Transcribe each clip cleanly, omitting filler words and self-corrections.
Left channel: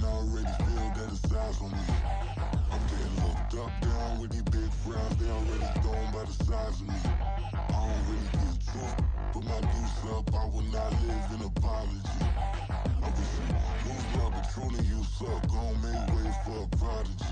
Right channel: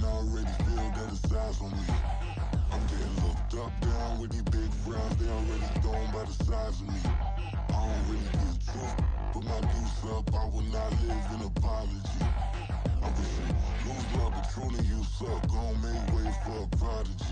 town, I already feel that it's eyes on me. I'm getting looked up, down with these big frowns. They already thrown by the size of me. I don't really get truth, put my deuce up. I will not live in apology. I wish you lose love, but truly you suck. Gon' make way for a prodigy.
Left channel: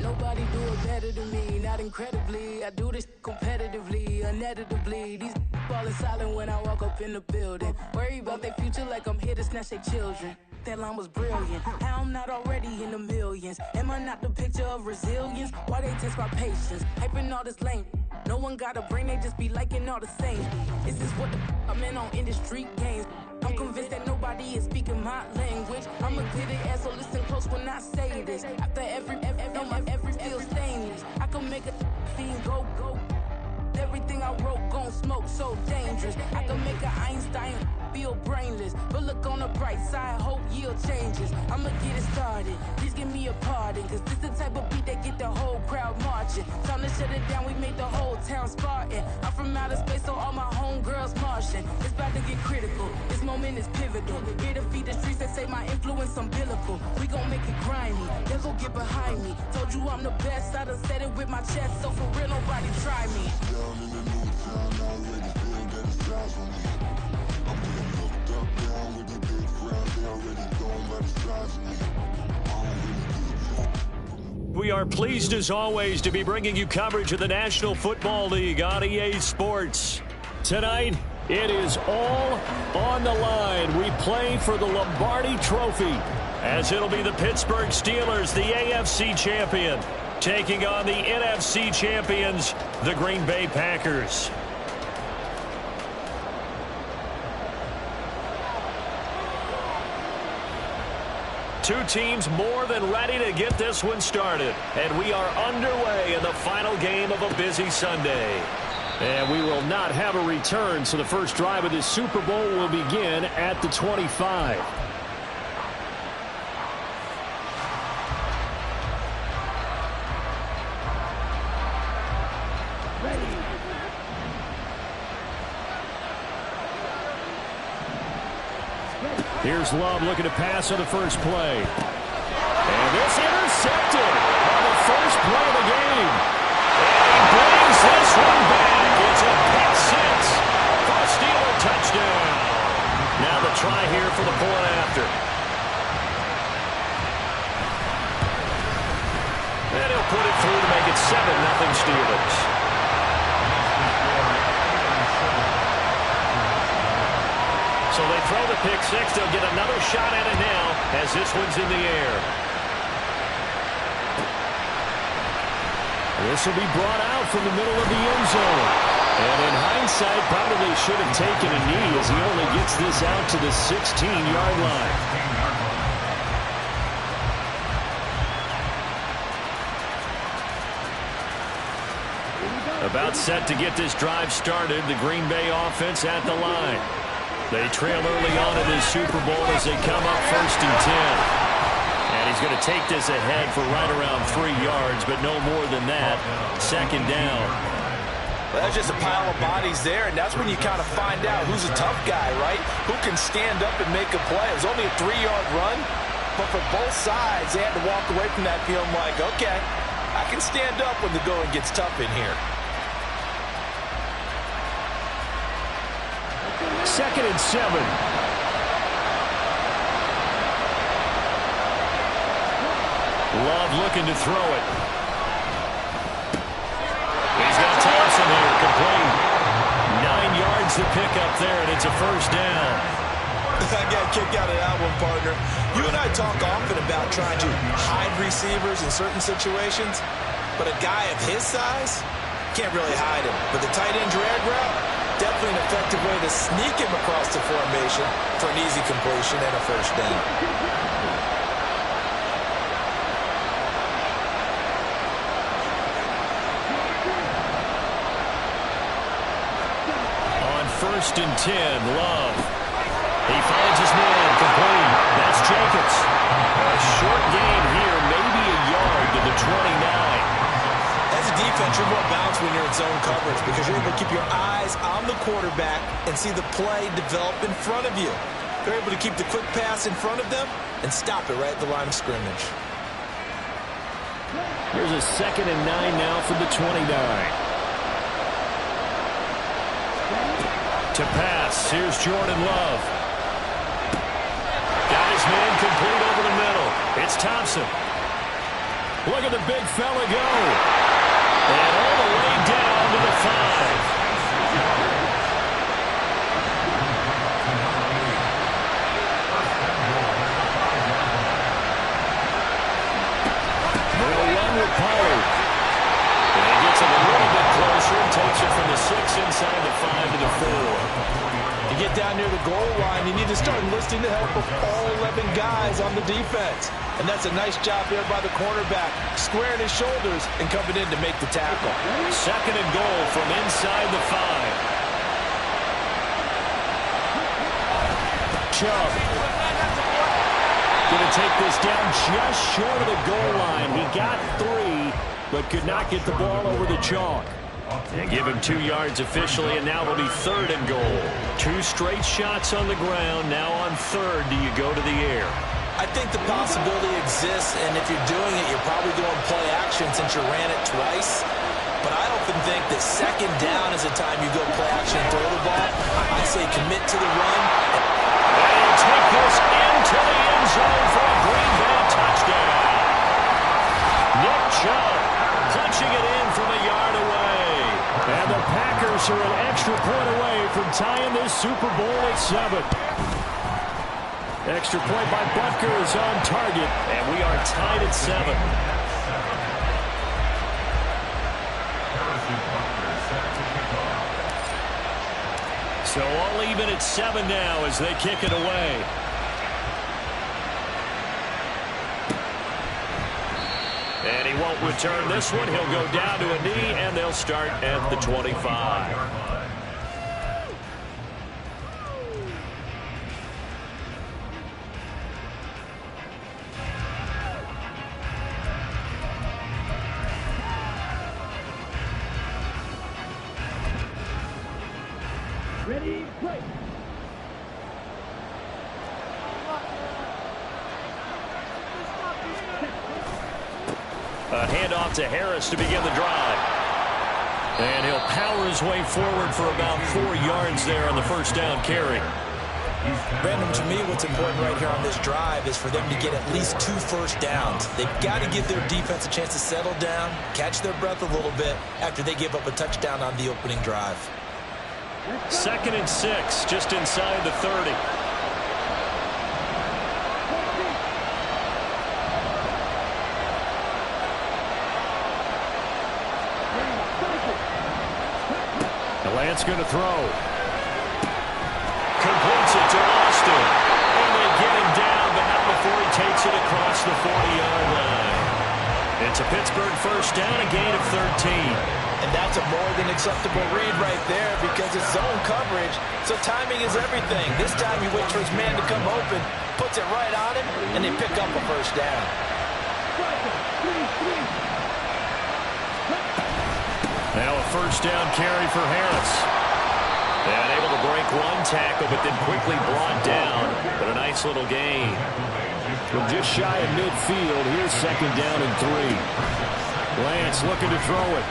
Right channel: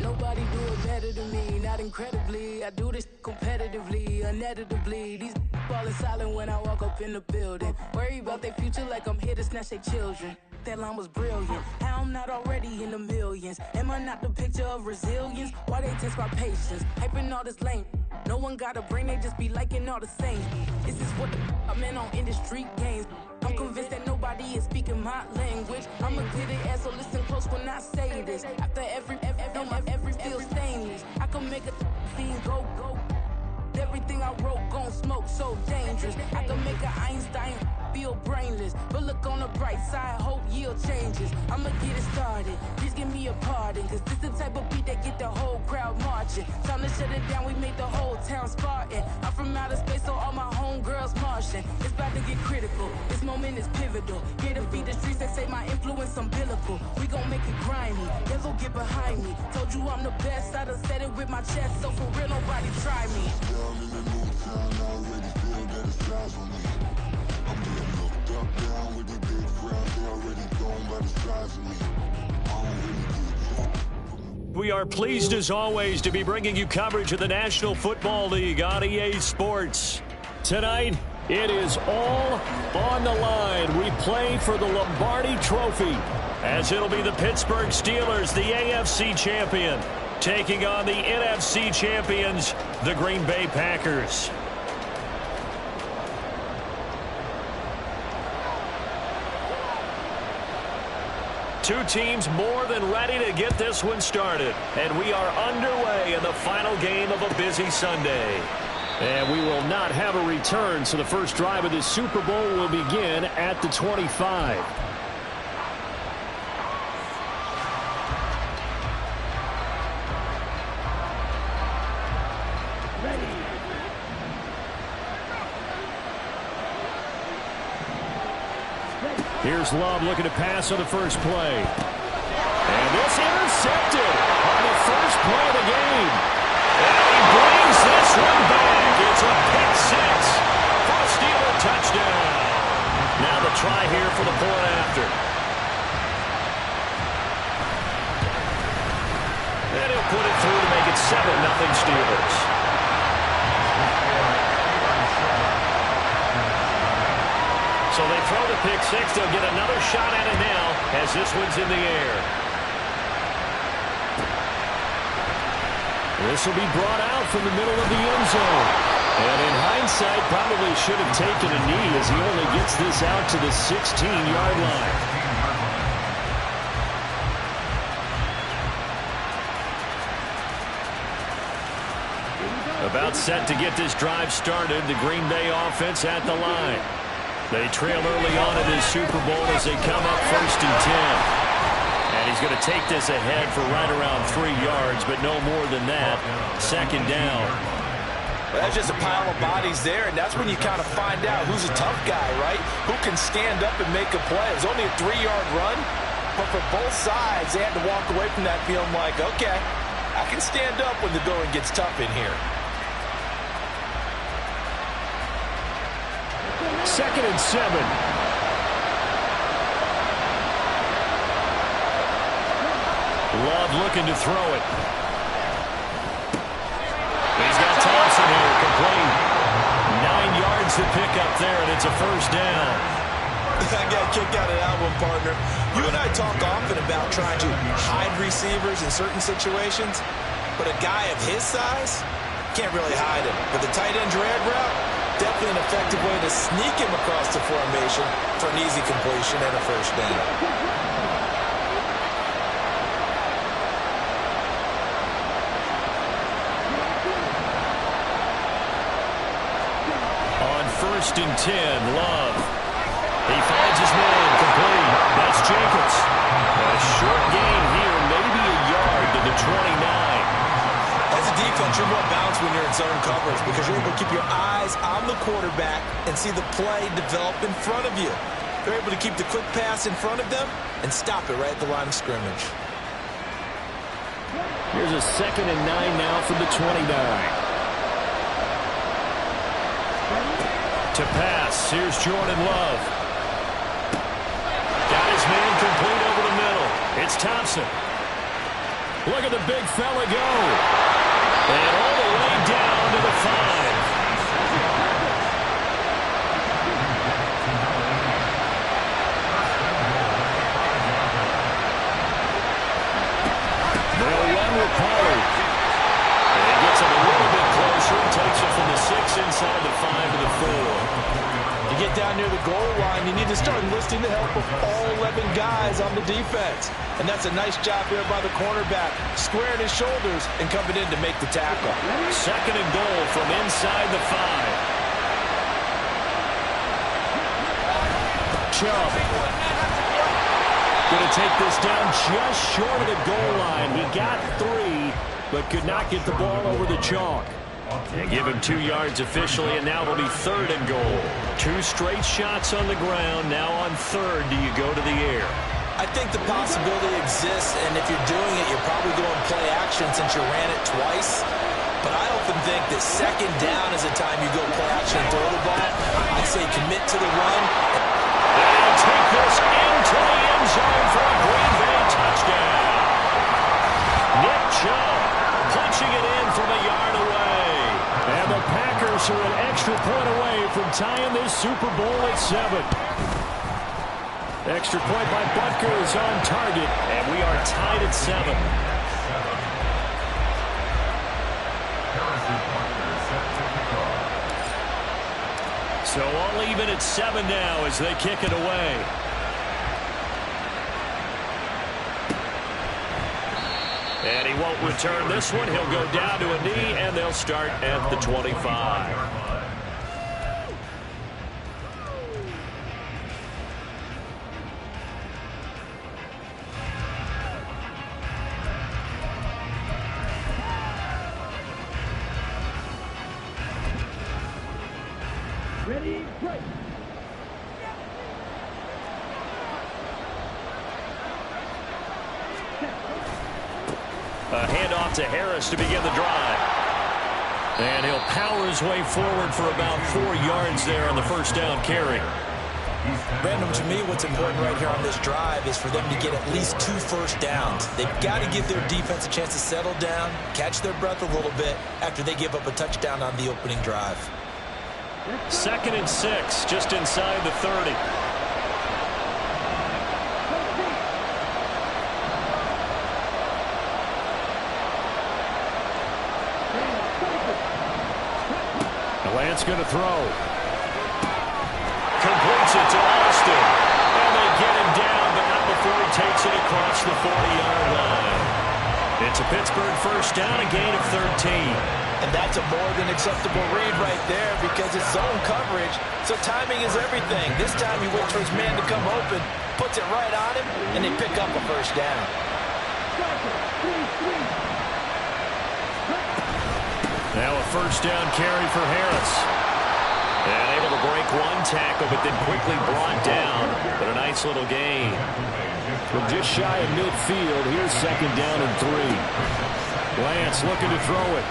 Nobody do it better than me, not incredibly. I do this competitively, uneditably. These falling silent when I walk up in the building. Worry about their future like I'm here to snatch their children. That line was brilliant. How I'm not already in the millions? Am I not the picture of resilience? Why they test my patience? Hyping all this lame. No one got a brain, they just be liking all the same. This is what the I'm in on industry games. I'm convinced that nobody is speaking my language. I'm a good ass, so listen close when I say this. After every feel stainless. I can make a fiend go. Everything I wrote gon' smoke, so dangerous. I can make an Einstein feel brainless. But look on the bright side, hope yield changes. I'ma get it started, please give me a pardon. Cause this the type of beat that get the whole crowd marching. Time to shut it down, we made the whole town Spartan. I'm from outer space, so all my homegirls Martian. It's about to get critical, this moment is pivotal. Here to feed the streets that say my influence umbilical. We gon' make it grimy, then go get behind me. Told you I'm the best, I done said it with my chest. So for real, nobody try me. Down in the new town, I already feel that it's eyes on me. I'm getting looked up, down with these big frowns. They already thrown by the size of me. I don't really get truth. We are pleased as always to be bringing you coverage of the National Football League on EA Sports. Tonight, it is all on the line. We play for the Lombardi Trophy, as it'll be the Pittsburgh Steelers, the AFC champion, taking on the NFC champions, the Green Bay Packers. Two teams more than ready to get this one started. And we are underway in the final game of a busy Sunday. And we will not have a return, so the first drive of this Super Bowl will begin at the 25. Here's Love looking to pass on the first play. And this intercepted on the first play of the game. And he brings this one back. It's a pick six for a Steeler touchdown. Now the try here for the point after. And he'll put it through to make it 7-0 Steelers. So they throw the pick six. They'll get another shot at it now as this one's in the air. This will be brought out from the middle of the end zone. And in hindsight, probably should have taken a knee as he only gets this out to the 16-yard line. About set to get this drive started, the Green Bay offense at the line. They trail early on in this Super Bowl as they come up 1st and 10. And he's going to take this ahead for right around 3 yards, but no more than that. 2nd down. Well, that's just a pile of bodies there, and that's when you kind of find out who's a tough guy, right? Who can stand up and make a play. It was only a 3-yard run, but for both sides, they had to walk away from that feeling like, okay, I can stand up when the going gets tough in here. 2nd and 7. Love looking to throw it. He's got Thompson here, complete. 9 yards to pick up there, and it's a 1st down. I got a kick out of that one, partner. You and I talk often about trying to hide receivers in certain situations, but a guy of his size can't really hide him. But the tight end drag route, definitely an effective way to sneak him across the formation for an easy completion and a 1st down. On 1st and 10, Love. He finds his man, complete. That's Jacobs. A short gain here, maybe a yard to the 29. As a defense, you're more balanced when you're in zone coverage because you're able to keep your eyes on the quarterback and see the play develop in front of you. They're able to keep the quick pass in front of them and stop it right at the line of scrimmage. Here's a 2nd and 9 now from the 29. To pass, here's Jordan Love. Got his man complete over the middle. It's Thompson. Look at the big fella go. And all the way down to the 5. They'll run with Pollard. And he gets him a little bit closer and takes it from the 6 inside the 5 to the 4. You get down near the goal line, you need to start enlisting the help of all 11 guys on the defense. And that's a nice job there by the cornerback, squaring his shoulders and coming in to make the tackle. 2nd and goal from inside the 5. Chubb. Going to take this down just short of the goal line. He got 3, but could not get the ball over the chalk. And give him 2 yards officially, and now it'll be 3rd and goal. 2 straight shots on the ground. Now on 3rd, do you go to the air? I think the possibility exists, and if you're doing it, you're probably going play action since you ran it twice. But I often think that 2nd down is the time you go play action and throw the ball. I say commit to the run. And he'll take this into the end zone for a Green Bay touchdown. Nick Chubb punching it in from a yard away. And the Packers are an extra point away from tying this Super Bowl at 7. Extra point by Butker is on target, and we are tied at 7. So all even at 7 now as they kick it away. And he won't return this one. He'll go down to a knee, and they'll start at the 25. Ready, break. A handoff to Harris to begin the drive. And he'll power his way forward for about 4 yards there on the first down carry. Brandon, to me, what's important right here on this drive is for them to get at least 2 first downs. They've got to give their defense a chance to settle down, catch their breath a little bit after they give up a touchdown on the opening drive. 2nd and 6, just inside the 30. Lance going to throw. Completes it to Austin. And they get him down, but not before he takes it across the 40-yard line. It's a Pittsburgh first down, a gain of 13. And that's a more than acceptable read right there because it's zone coverage, so timing is everything. This time he waits for his man to come open, puts it right on him, and they pick up a first down. Now a first down carry for Harris. And able to break 1 tackle, but then quickly brought down. But a nice little gain. From just shy of midfield, here's 2nd down and 3. Lance looking to throw it.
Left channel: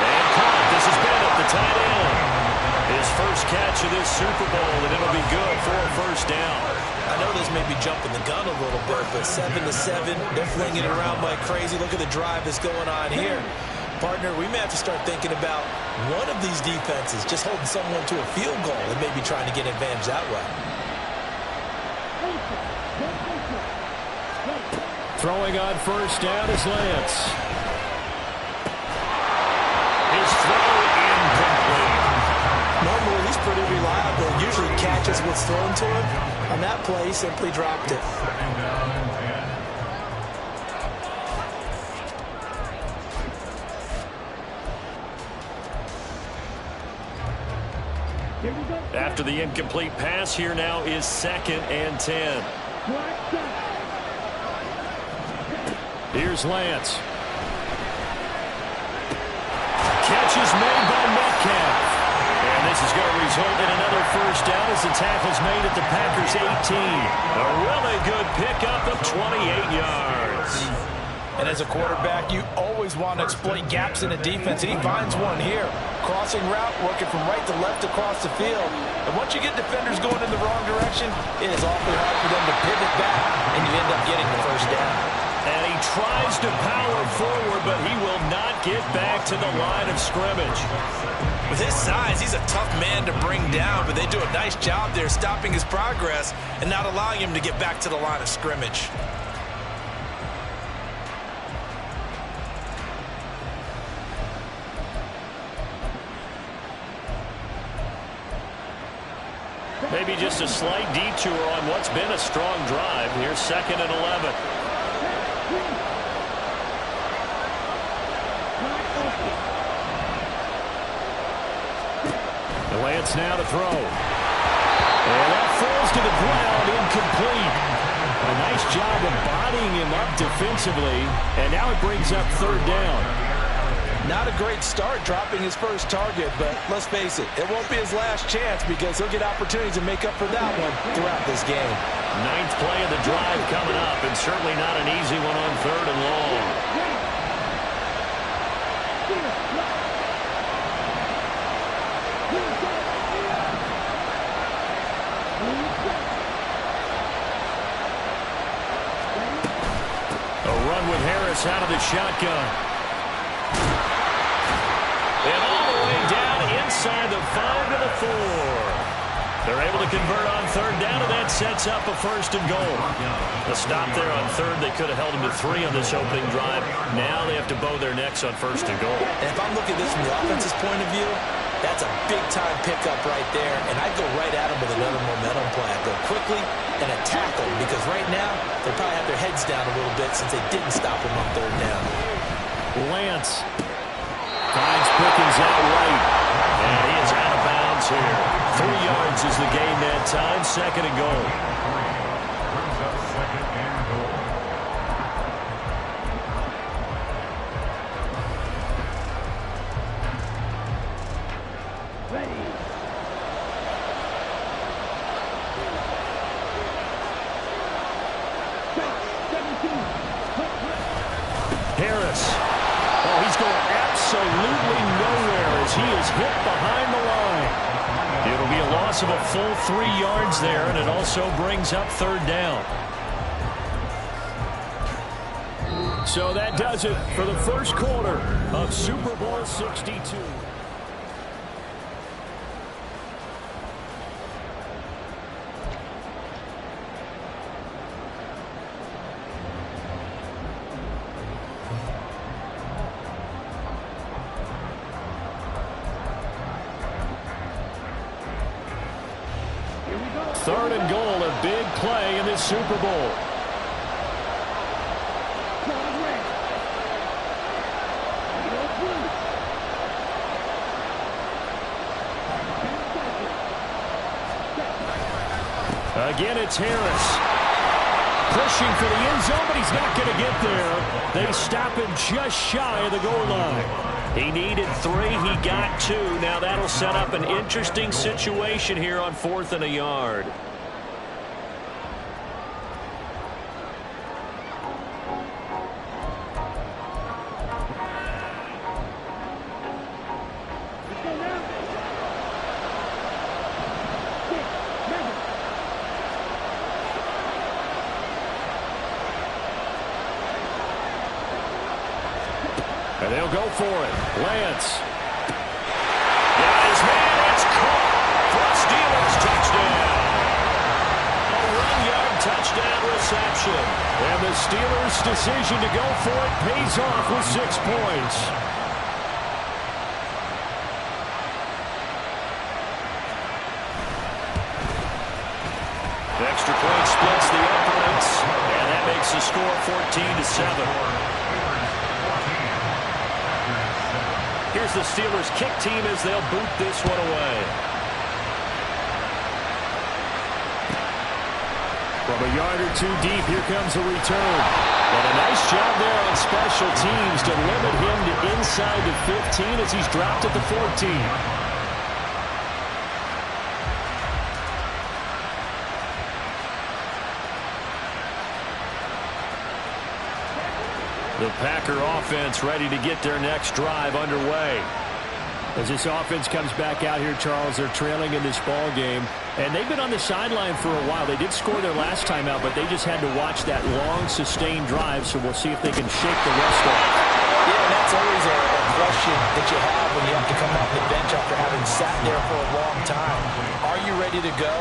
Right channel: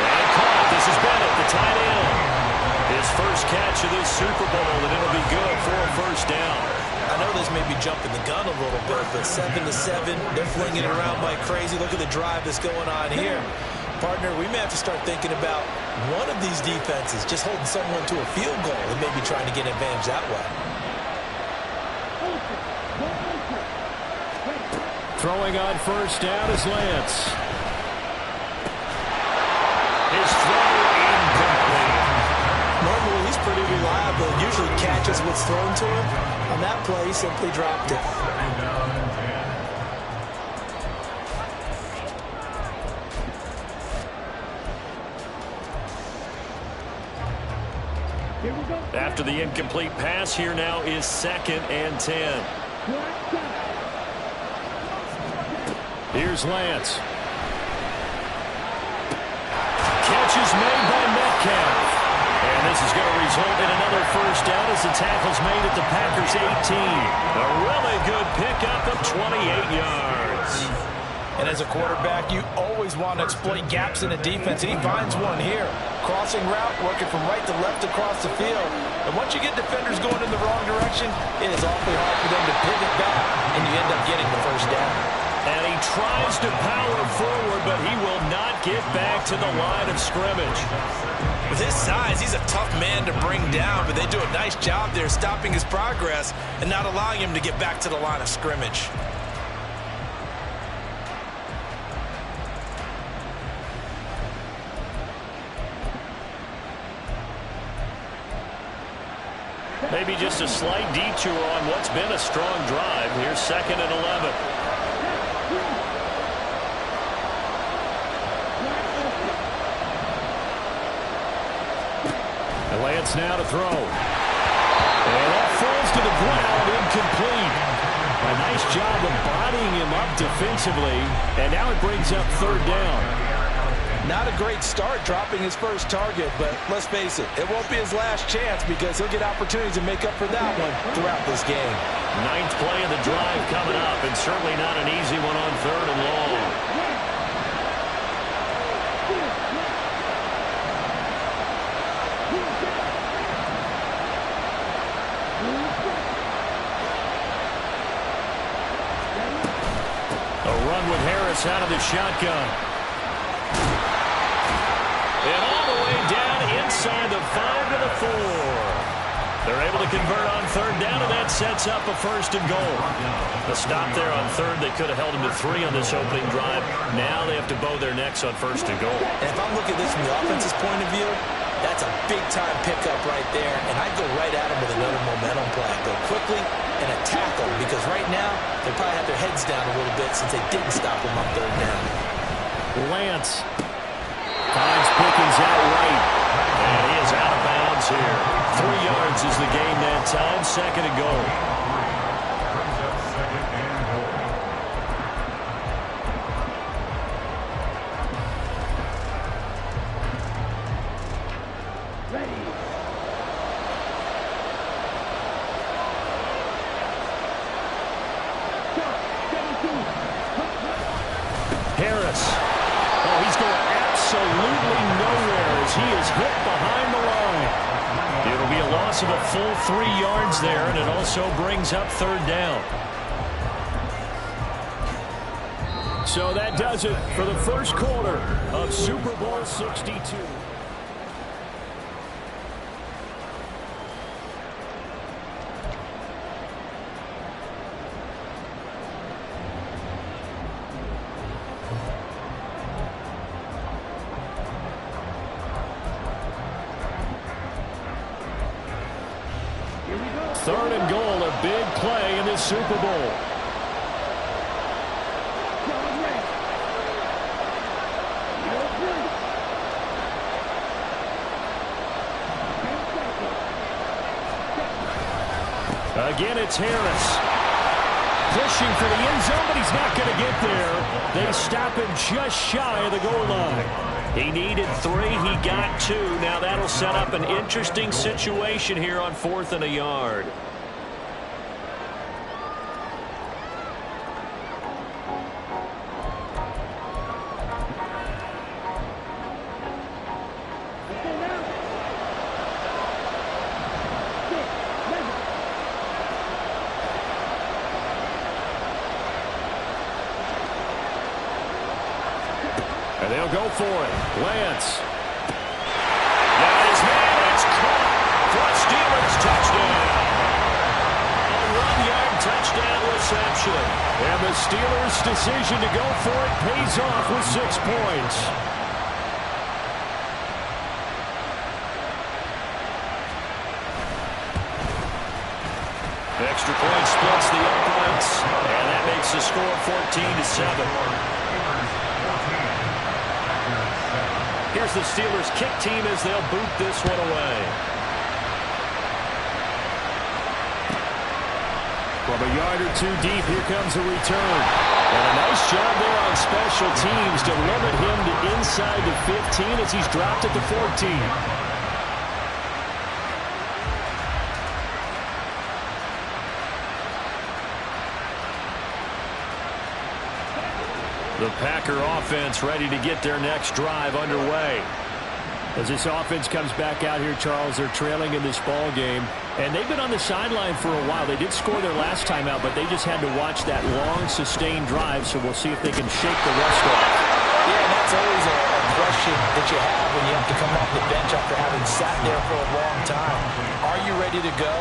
And caught. This is Bennett, the tight end. His first catch of this Super Bowl, and it'll be good for a first down. I know this may be jumping the gun a little bit, but 7-7, they're flinging it around like crazy. Look at the drive that's going on here. Partner, we may have to start thinking about one of these defenses just holding someone to a field goal and maybe trying to get an advantage that way. Throwing on first down is Lance. His throw incomplete. Normally, he's pretty reliable. Usually catches what's thrown to him. On that play, he simply dropped it. After the incomplete pass, here now is 2nd and 10. Here's Lance. Catch is made by Metcalf. And this is going to result in another first down as the tackle's made at the Packers' 18. A really good pickup of 28 yards. And as a quarterback, you always want to exploit gaps in the defense. He finds one here. Crossing route, working from right to left across the field. And once you get defenders going in the wrong direction, it is awfully hard for them to pivot back, and you end up getting the first down. And he tries to power forward, but he will not get back to the line of scrimmage. With his size, he's a tough man to bring down, but they do a nice job there stopping his progress and not allowing him to get back to the line of scrimmage. Maybe just a slight detour on what's been a strong drive. Here's 2nd and 11. And Lance now to throw. And that falls to the ground, incomplete. A nice job of bodying him up defensively. And now it brings up 3rd down. Not a great start dropping his first target, but let's face it, it won't be his last chance because he'll get opportunities to make up for that one throughout this game. 9th play of the drive coming up, and certainly not an easy one on 3rd and long. A run with Harris out of the shotgun. And all the way down inside the 5 to the 4. They're able to convert on 3rd down, and that sets up a 1st and goal. A stop there on 3rd. They could have held him to 3 on this opening drive. Now they have to bow their necks on 1st and goal. And if I'm looking at this from the offense's point of view, that's a big-time pickup right there, and I'd go right at him with another momentum play. I'd go quickly and attack them because right now they probably have their heads down a little bit since they didn't stop him on 3rd down. Lance finds Pickens out right, and he is out of bounds here. 3 yards is the gain that time. 2nd and goal. Brings up 2nd and goal. Ready. Harris. Oh, he's going absolutely nowhere as he is hit behind the line. It'll be a loss of a full 3 yards there, and it also brings up 3rd down. So that does it for the first quarter of Super Bowl 62. Third and goal, a big play in this Super Bowl. Again, it's Harris. Pushing for the end zone, but he's not going to get there. They stop him just shy of the goal line. He needed 3. He got 2. Now that'll set up an interesting situation here on 4th and a yard. And they'll go for it. Lance. Got his man. It's caught for a Steelers touchdown. A 1-yard touchdown reception. And the Steelers' decision to go for it pays off with 6 points. The extra point splits the uprights, and that makes the score 14-7. Here's the Steelers' kick team as they'll boot this one away. From a yard or 2 deep, here comes a return. And a nice job there on special teams to limit him to inside the 15 as he's dropped at the 14. The Packer offense ready to get their next drive underway. As this offense comes back out here, Charles, they're trailing in this ball game. And they've been on the sideline for a while. They did score their last time out, but they just had to watch that long, sustained drive. So we'll see if they can shake the rust off. Yeah, and that's always a question that you have when you have to come off the bench after having sat there for a long time. Are you ready to go?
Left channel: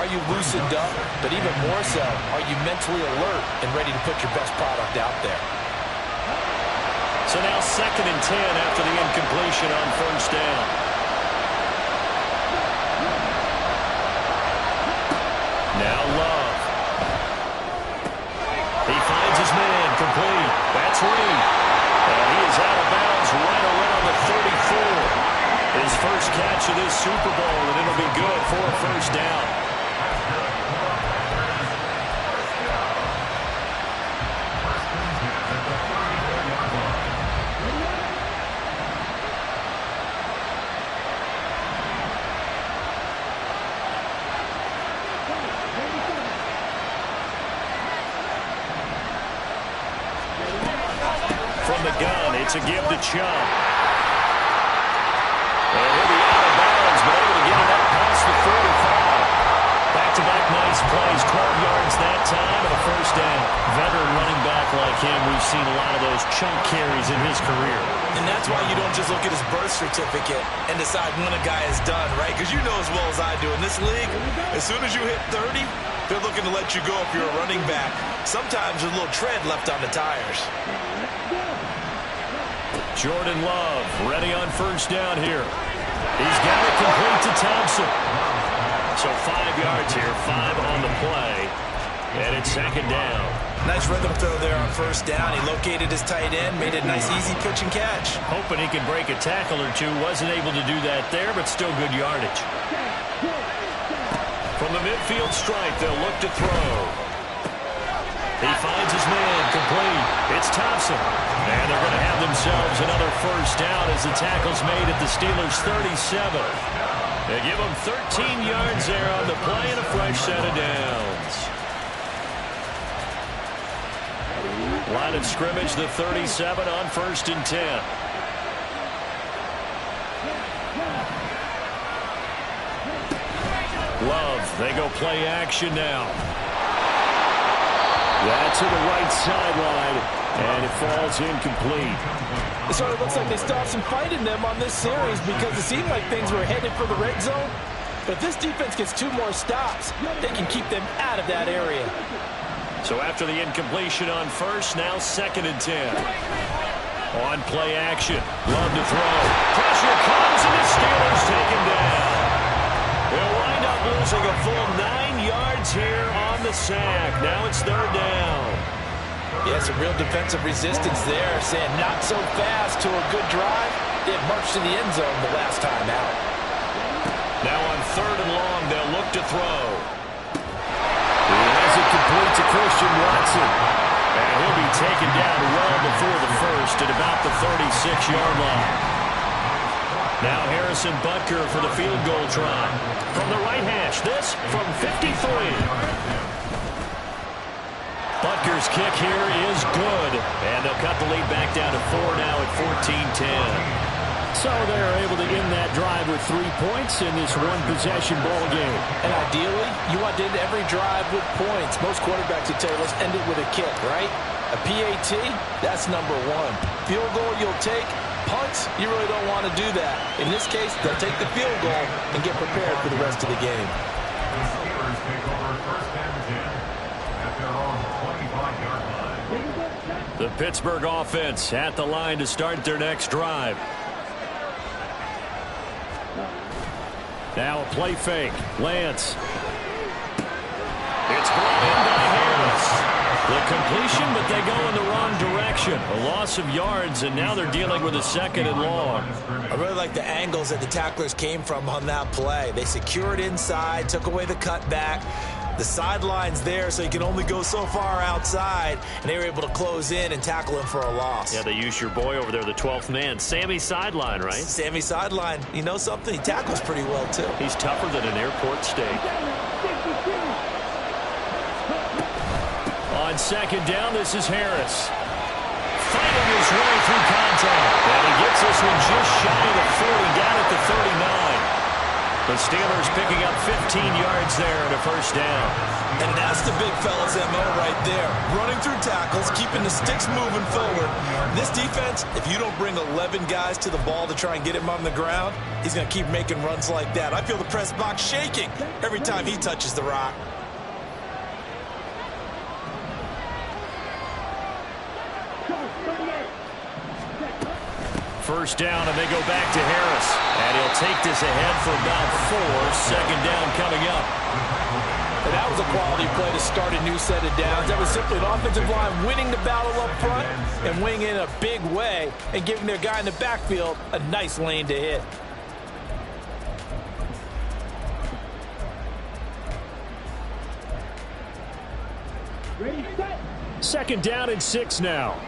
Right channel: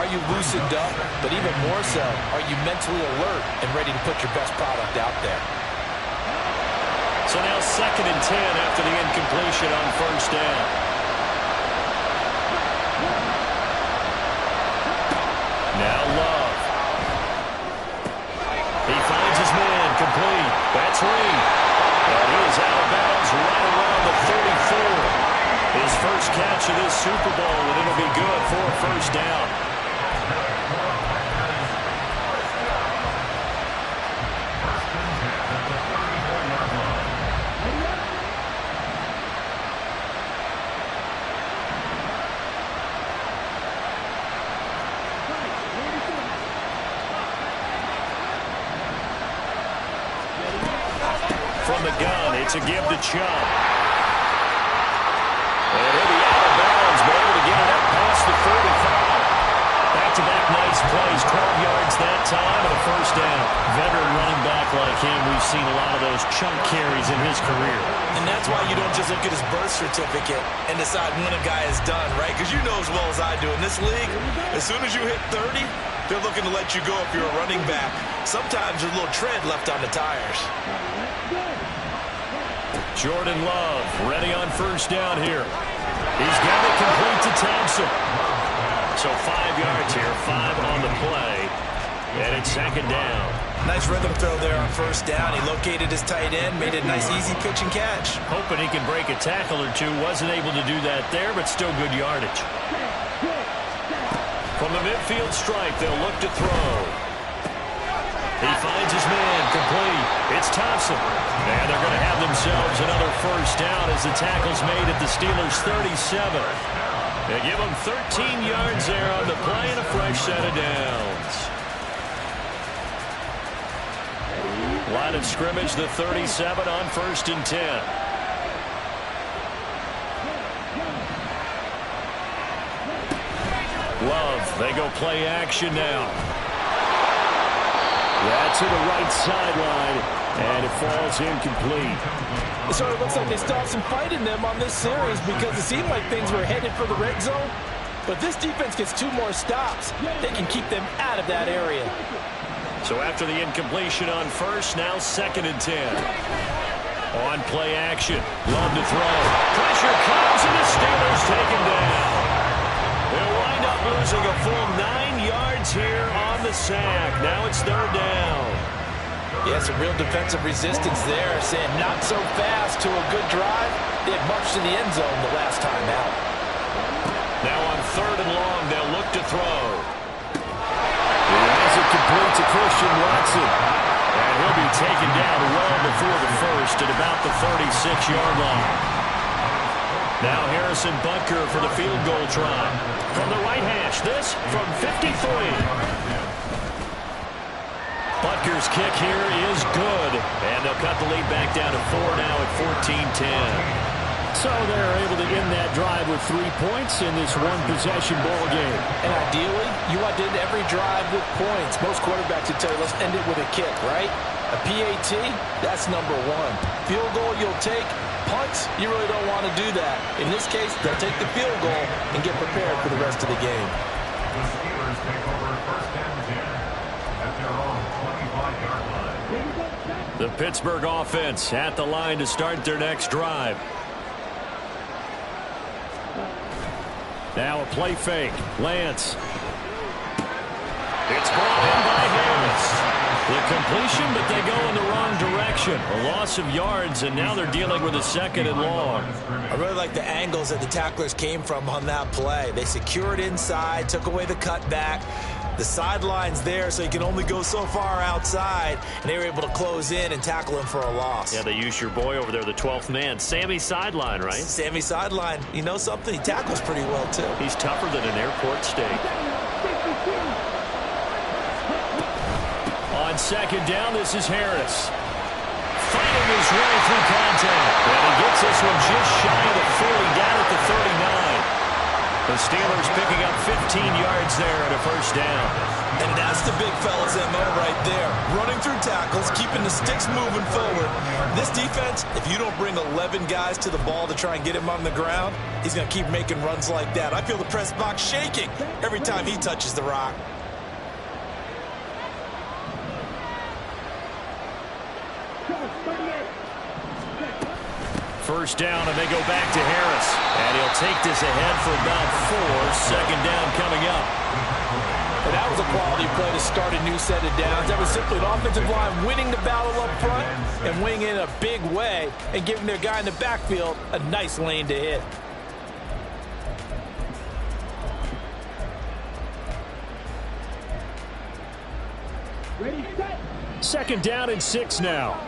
Are you loosened up? But even more so, are you mentally alert and ready to put your best product out there? So now 2nd and 10 after the incompletion on first down. Now Love. He finds his man, complete. That's Reed. And he is out of bounds right around the 34. His first catch of this Super Bowl, and it'll be good for a first down. From the gun, it's a give to Chubb. And he'll be out of bounds, but able to get it up past the 45. Back-to-back nice plays, 12 yards that time, and a first down. Veteran running back like him, we've seen a lot of those chunk carries in his career. And that's why you don't just look at his birth certificate and decide when a guy is done, right? Because you know as well as I do, in this league, as soon as you hit 30, they're looking to let you go if you're a running back. Sometimes there's a little tread left on the tires. Jordan Love ready on first down here. He's got it complete to Thompson. So 5 yards here, 5 on the play. And it's 2nd down. Nice rhythm throw there on first down. He located his tight end, made it a nice easy pitch and catch. Hoping he can break a tackle or two. Wasn't able to do that there, but still good yardage. From the midfield stripe, they'll look to throw. He finds his man, complete. It's Thompson. And they're going to have themselves another first down as the tackle's made at the Steelers' 37. They give them 13 yards there on the play and a fresh set of downs. Line of scrimmage, the 37 on 1st and 10. Love, they go play action now. That's to the right sideline, and it falls incomplete. It sort of looks like they still have some fight in them on this series because it seemed like things were headed for the red zone. But if this defense gets 2 more stops, they can keep them out of that area. So after the incompletion on first, now 2nd and 10. On play action, Love to throw. Pressure comes, and the Steelers take him down. They'll wind up losing a full 9 yards here on the sack. Now it's 3rd down. Yeah, some real defensive resistance there, saying not so fast to a good drive. They had marched to the end zone the last time out. Now on 3rd and long, they'll look to throw. He has it complete to Christian Watson. And he'll be taken down well before the first at about the 36-yard line. Now Harrison Butker for the field goal try. From the right hash, this from 53. Butker's kick here is good. And they'll cut the lead back down to 4 now at 14-10. So they're able to end that drive with 3 points in this one-possession ball game. And ideally, you want to end every drive with points. Most quarterbacks would tell you, let's end it with a kick, right? A PAT, that's number 1. Field goal you'll take. Punts, you really don't want to do that. In this case, they'll take the field goal and get prepared for the rest of the game. The Steelers take over 1st and 10 at their own 25-yard line. The Pittsburgh offense at the line to start their next drive. Now a play fake. Lance. It's brought in by Harris. The completion, but they go in the wrong direction. A loss of yards, and now they're dealing with a 2nd and long. I really like the angles that the tacklers came from on that play. They secured inside, took away the cutback. The sideline's there, so you can only go so far outside, and they were able to close in and tackle him for a loss. Yeah, they used your boy over there, the 12th man. Sammy Sideline, right? Sammy Sideline. You know something? He tackles pretty well, too. He's tougher than an airport steak. On 2nd down, this is Harris. fighting his way through contact. And he gets this one just shy of the 40, down at the 39. The Steelers picking up 15 yards there and a first down. And that's the big fella's MO right there. Running through tackles, keeping the sticks moving forward. This defense, if you don't bring 11 guys to the ball to try and get him on the ground, he's going to keep making runs like that. I feel the press box shaking every time he touches the rock. First down, and they go back to Harris. And he'll take this ahead for about 4. Second down coming up. And that was a quality play to start a new set of downs. That was simply an offensive line winning the battle up front and winning in a big way and giving their guy in the backfield a nice lane to hit. Ready, set. Second down and 6 now.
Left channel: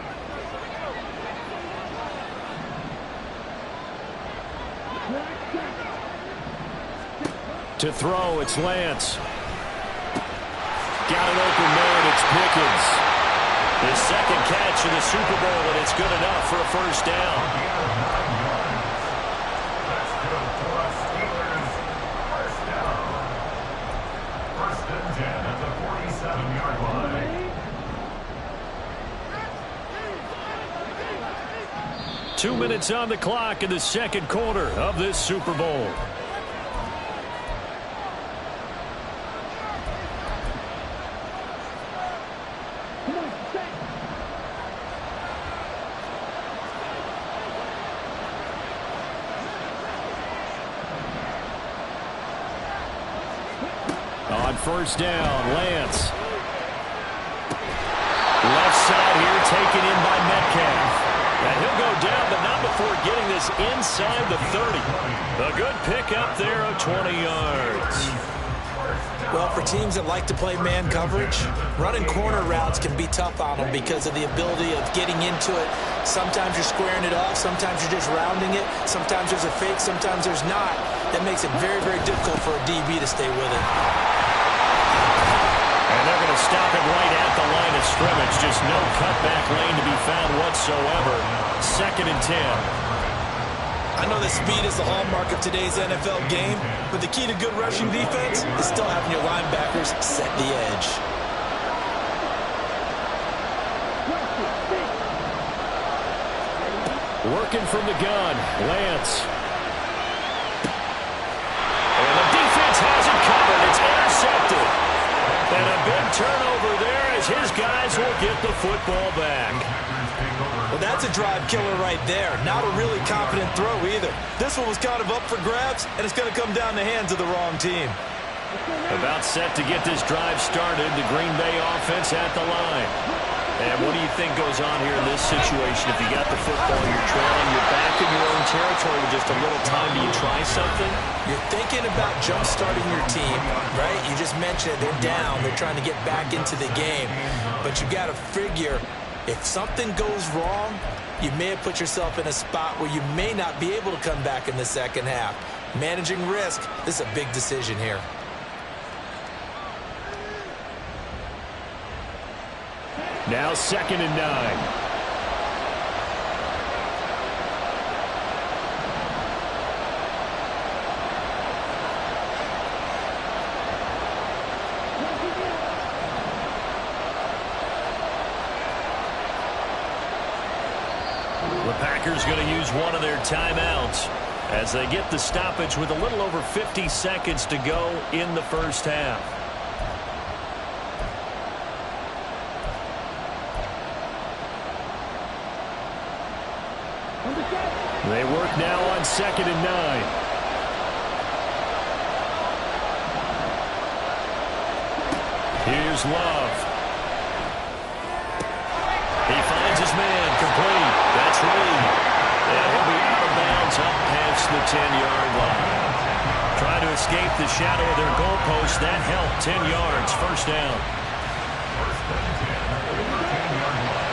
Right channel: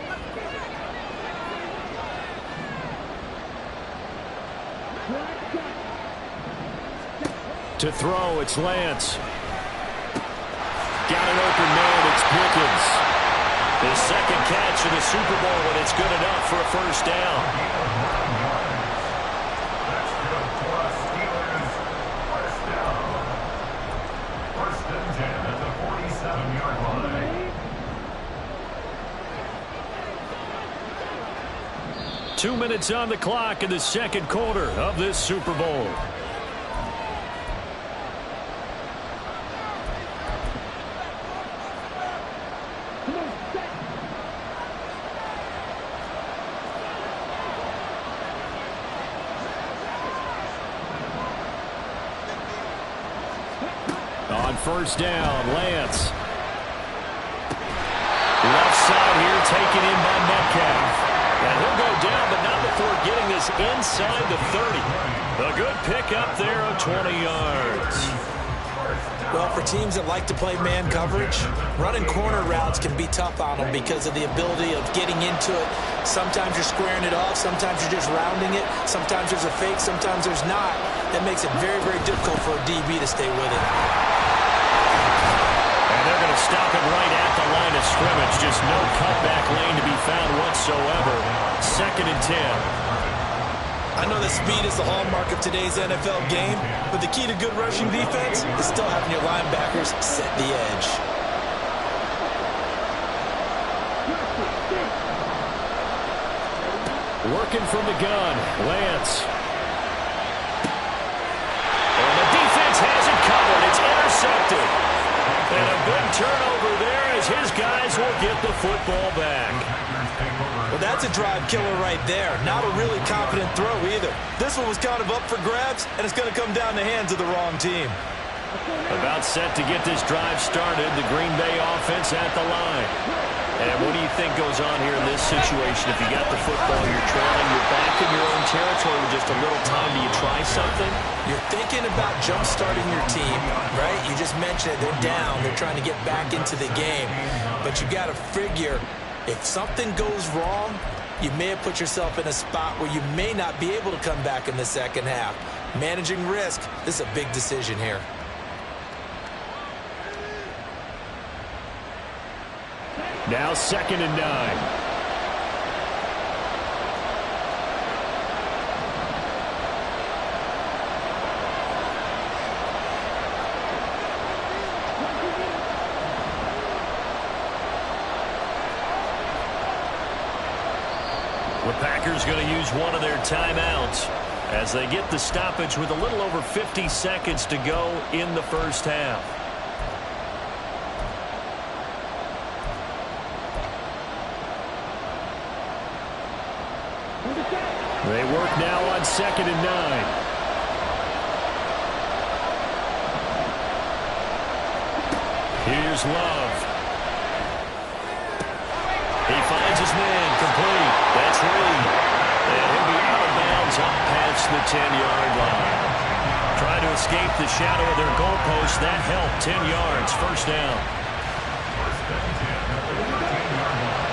To throw, it's Lance. Got an open man, it's Pickens. His second catch in the Super Bowl, and it's good enough for a first down. That's good for us, Steelers. First down. First and 10 at the 47-yard line. 2 minutes on the clock in the second quarter of this Super Bowl. On first down, Lance. Left side here taken in by Metcalf. And he'll go down, but not before getting this inside the 30. A good pickup there of 20 yards. Well, for teams that like to play man coverage, running corner routes can be tough on them because of the ability of getting into it. Sometimes you're squaring it off. Sometimes you're just rounding it. Sometimes there's a fake. Sometimes there's not. That makes it very, very difficult for a DB to stay with it. And they're going to stop him right at the line of scrimmage. Just no cutback lane to be found whatsoever. Second and 10. I know that speed is the hallmark of today's NFL game, but the key to good rushing defense is still having your linebackers set the edge. Working from the gun, Lance. And the defense has it covered. It's intercepted. And a big turnover there as his guys will get the football back. Well, that's a drive killer right there. Not a really confident throw either. This one was kind of up for grabs, and it's going to come down the hands of the wrong team. About set to get this drive started, the Green Bay offense at the line. And what do you think goes on here in this situation? If you got the football, you're trailing, you're back in your own territory with just a little time. Do you try something? You're thinking about jump-starting your team, right? You just mentioned it. They're down. They're trying to get back into the game. But you got to figure, if something goes wrong, you may have put yourself in a spot where you may not be able to come back in the second half. Managing risk, this is a big decision here. Now 2nd and 9. The Packers going to use one of their timeouts as they get the stoppage with a little over 50 seconds to go in the first half. They work now on 2nd and 9. Here's Love. He finds his man, complete. That's Reed. And he'll be out of bounds up past the 10-yard line. Trying to escape the shadow of their goalpost. That helped. 10 yards, first down. First and 10 at the 15-yard line.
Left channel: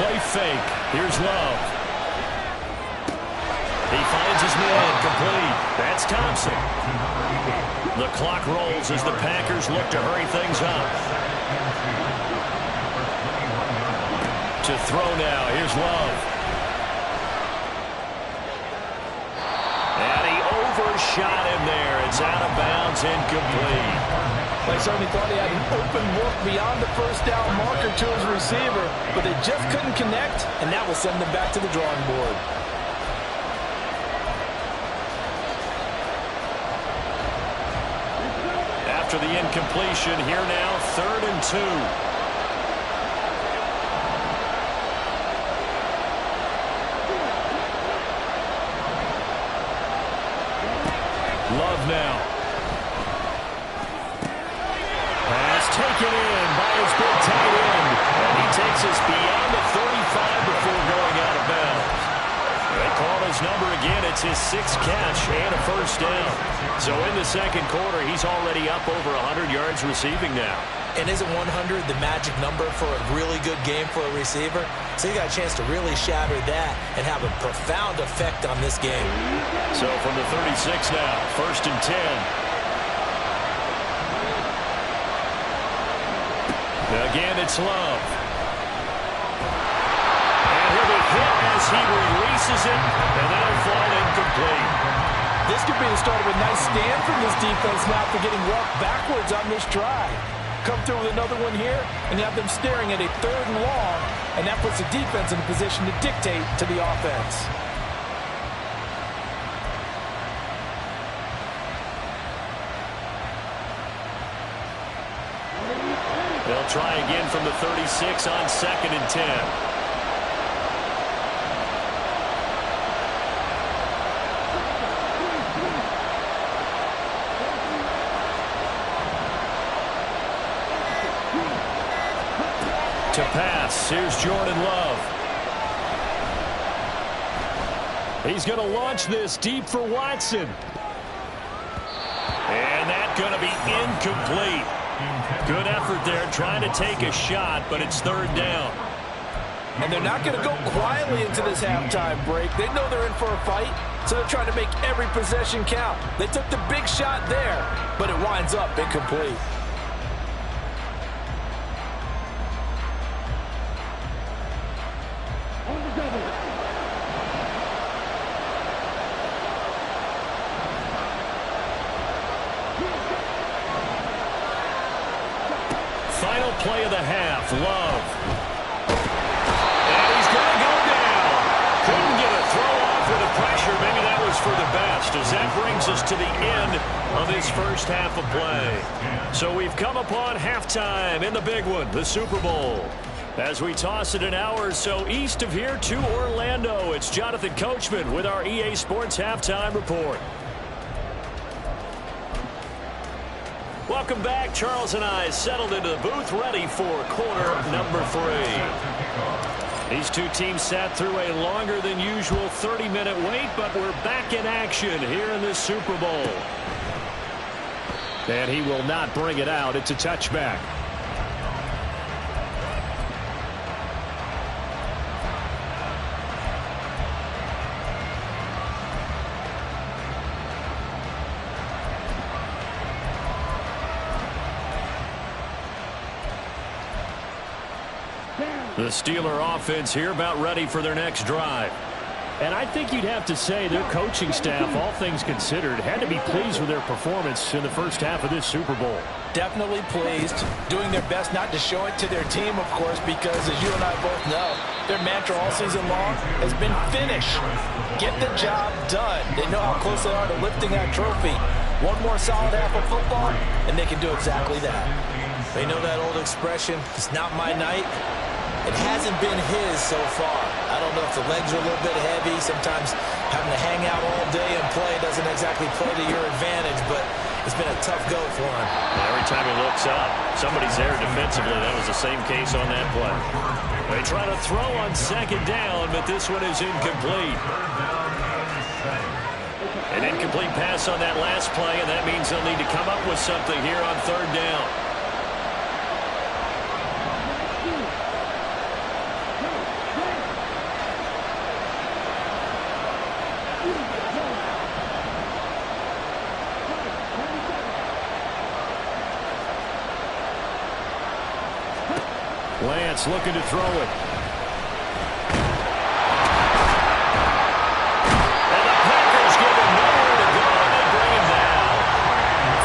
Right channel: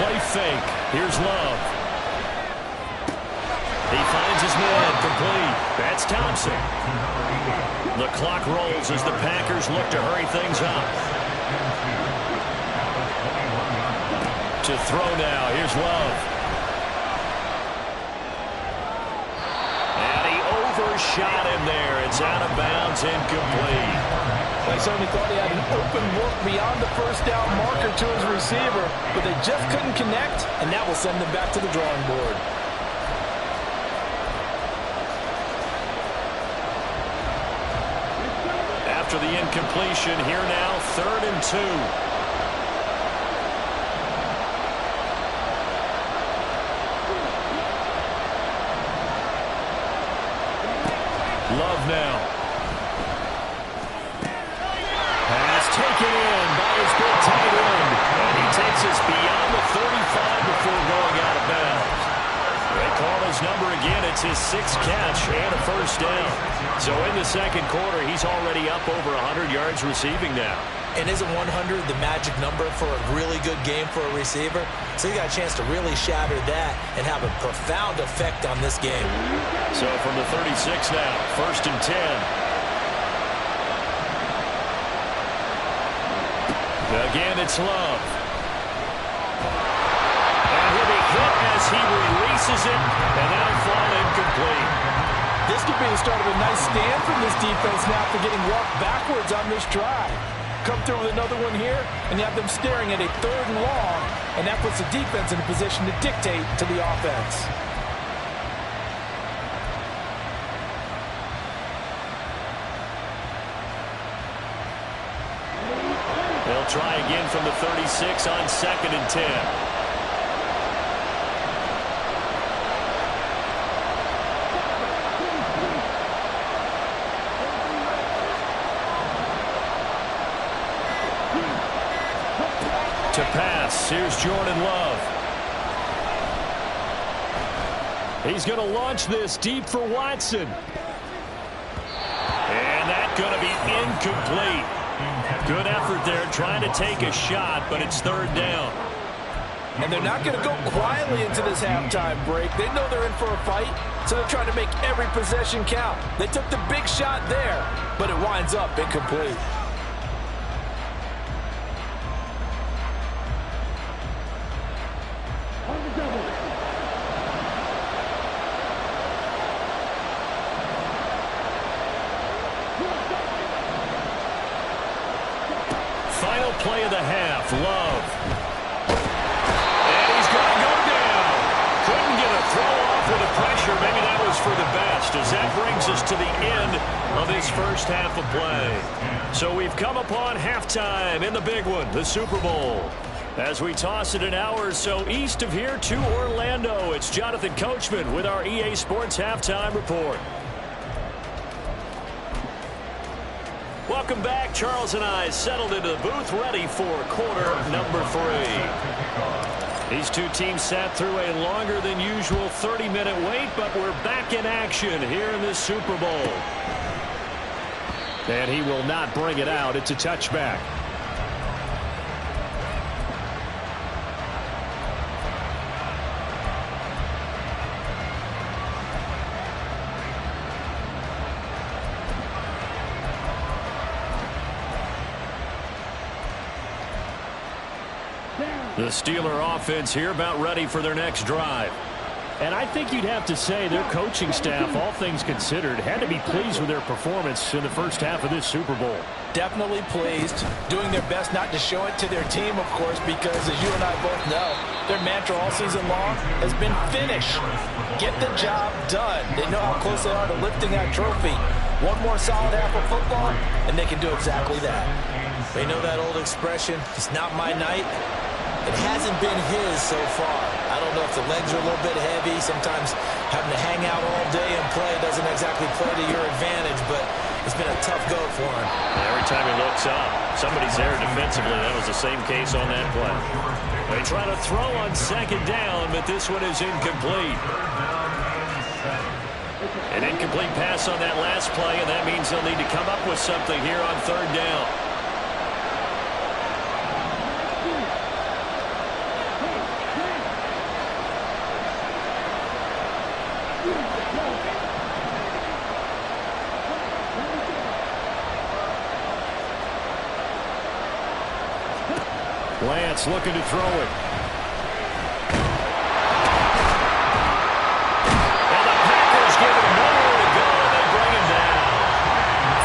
Play fake. Here's Love. He finds his man, complete. That's Thompson. The clock rolls as the Packers look to hurry things up. To throw now, here's Love. And he overshot him there. It's out of bounds, incomplete. They certainly thought he had an open look beyond the first down marker to his receiver, but they just couldn't connect, and that will send them back to the drawing board. After the incompletion, here now, 3rd and 2. Love now. Pass taken in by his big tight end. And he takes us beyond the 35 before going out of bounds. They call his number again. It's his 6th catch and a first down. So in the second quarter, he's already up over 100 yards receiving now. And isn't 100 the magic number for a really good game for a receiver? So you got a chance to really shatter that and have a profound effect on this game. So from the 36 now, 1st and 10. Again, it's Love. And he'll be hit as he releases it, and that'll fall incomplete. This could be the start of a nice stand from this defense now for getting walked backwards on this drive. Come through with another one here, and you have them staring at a 3rd and long, and that puts the defense in a position to dictate to the offense. They'll try again from the 36 on 2nd and 10. To pass, here's Jordan Love. He's going to launch this deep for Watson. And that's going to be incomplete. Good effort there trying to take a shot, but it's 3rd down. And they're not going to go quietly into this halftime break. They know they're in for a fight, so they're trying to make every possession count. They took the big shot there, but it winds up incomplete. Final play of the half, Love. And he's going to go down. Couldn't get a throw off with the pressure. Maybe that was for the best, as that brings us to the end of this first half of play. So we've come upon halftime in the big one, the Super Bowl. As we toss it an hour or so east of here to Orlando, it's Jonathan Coachman with our EA Sports Halftime Report. Welcome back. Charles and I settled into the booth, ready for quarter number 3. These two teams sat through a longer than usual 30-minute wait, but we're back in action here in this Super Bowl. And he will not bring it out. It's a touchback. The Steeler offense here about ready for their next drive. And I think you'd have to say their coaching staff, all things considered, had to be pleased with their performance in the first half of this Super Bowl. Definitely pleased, doing their best not to show it to their team, of course, because as you and I both know, their mantra all season long has been finish. Get the job done. They know how close they are to lifting that trophy. One more solid half of football, and they can do exactly that. They know that old expression, it's not my night. It hasn't been his so far. I don't know if the legs are a little bit heavy. Sometimes having to hang out all day and play doesn't exactly play to your advantage, but it's been a tough go for him. And every time he looks up, somebody's there defensively. That was the same case on that play. They try to throw on 2nd down, but this one is incomplete. An incomplete pass on that last play, and that means they'll need to come up with something here on 3rd down. Lance looking to throw it. And the Packers give him nowhere to go, and they bring him down.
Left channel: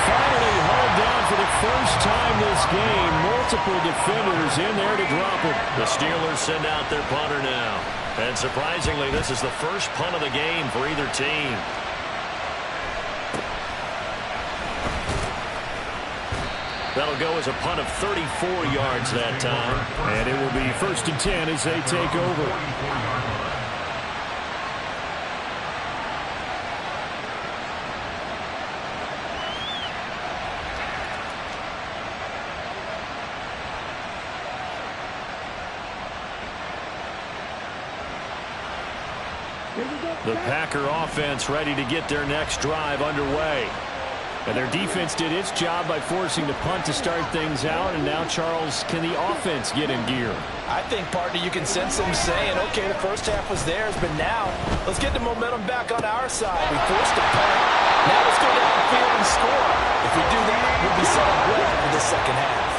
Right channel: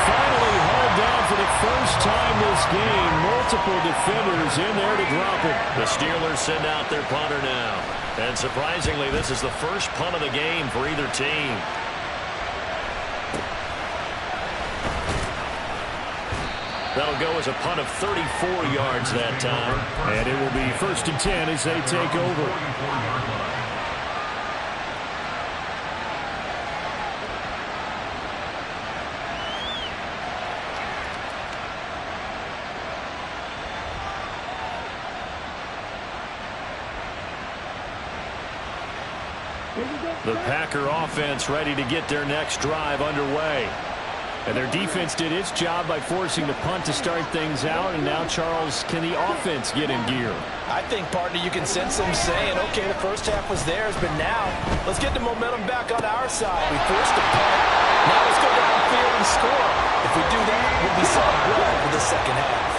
Finally hauled down for the first time this game. Multiple defenders in there to drop him. The Steelers send out their punter now. And surprisingly, this is the first punt of the game for either team. That'll go as a punt of 34 yards that time. And it will be 1st and 10 as they take over. The Packer offense ready to get their next drive underway. And their defense did its job by forcing the punt to start things out. And now, Charles, can the offense get in gear? I think, partner, you can sense them saying, okay, the first half was theirs, but now let's get the momentum back on our side. We forced a punt. Now let's go downfield and score. If we do that, we'll be set up well for the second half.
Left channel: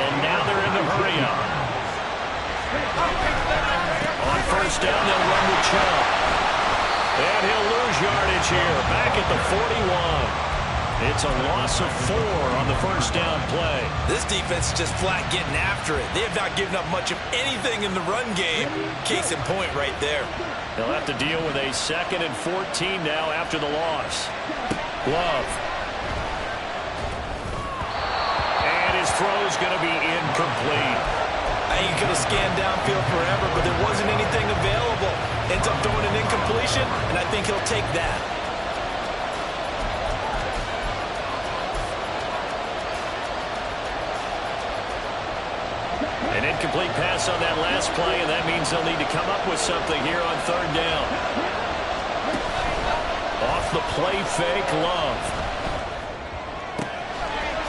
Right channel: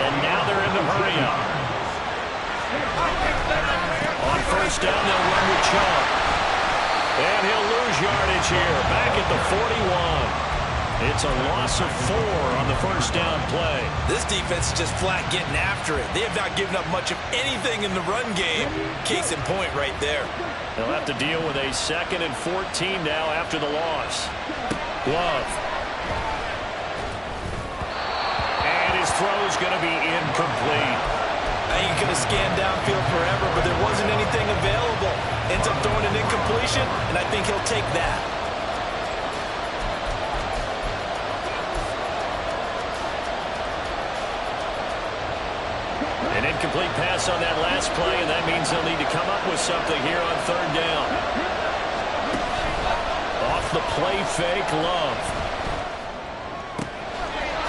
And now they're in the hurry-up. On first down, they'll run with Chubb. And he'll lose yardage here, back at the 41. It's a loss of 4 on the first down play. This defense is just flat getting after it. They have not given up much of anything in the run game. Case in point right there. They'll have to deal with a 2nd and 14 now after the loss. Love. And his throw's going to be incomplete. I ain't going to scan downfield forever, but there wasn't anything available. Ends up throwing an incompletion, and I think he'll take that. An incomplete pass on that last play, and that means they'll need to come up with something here on 3rd down. Off the play fake, Love.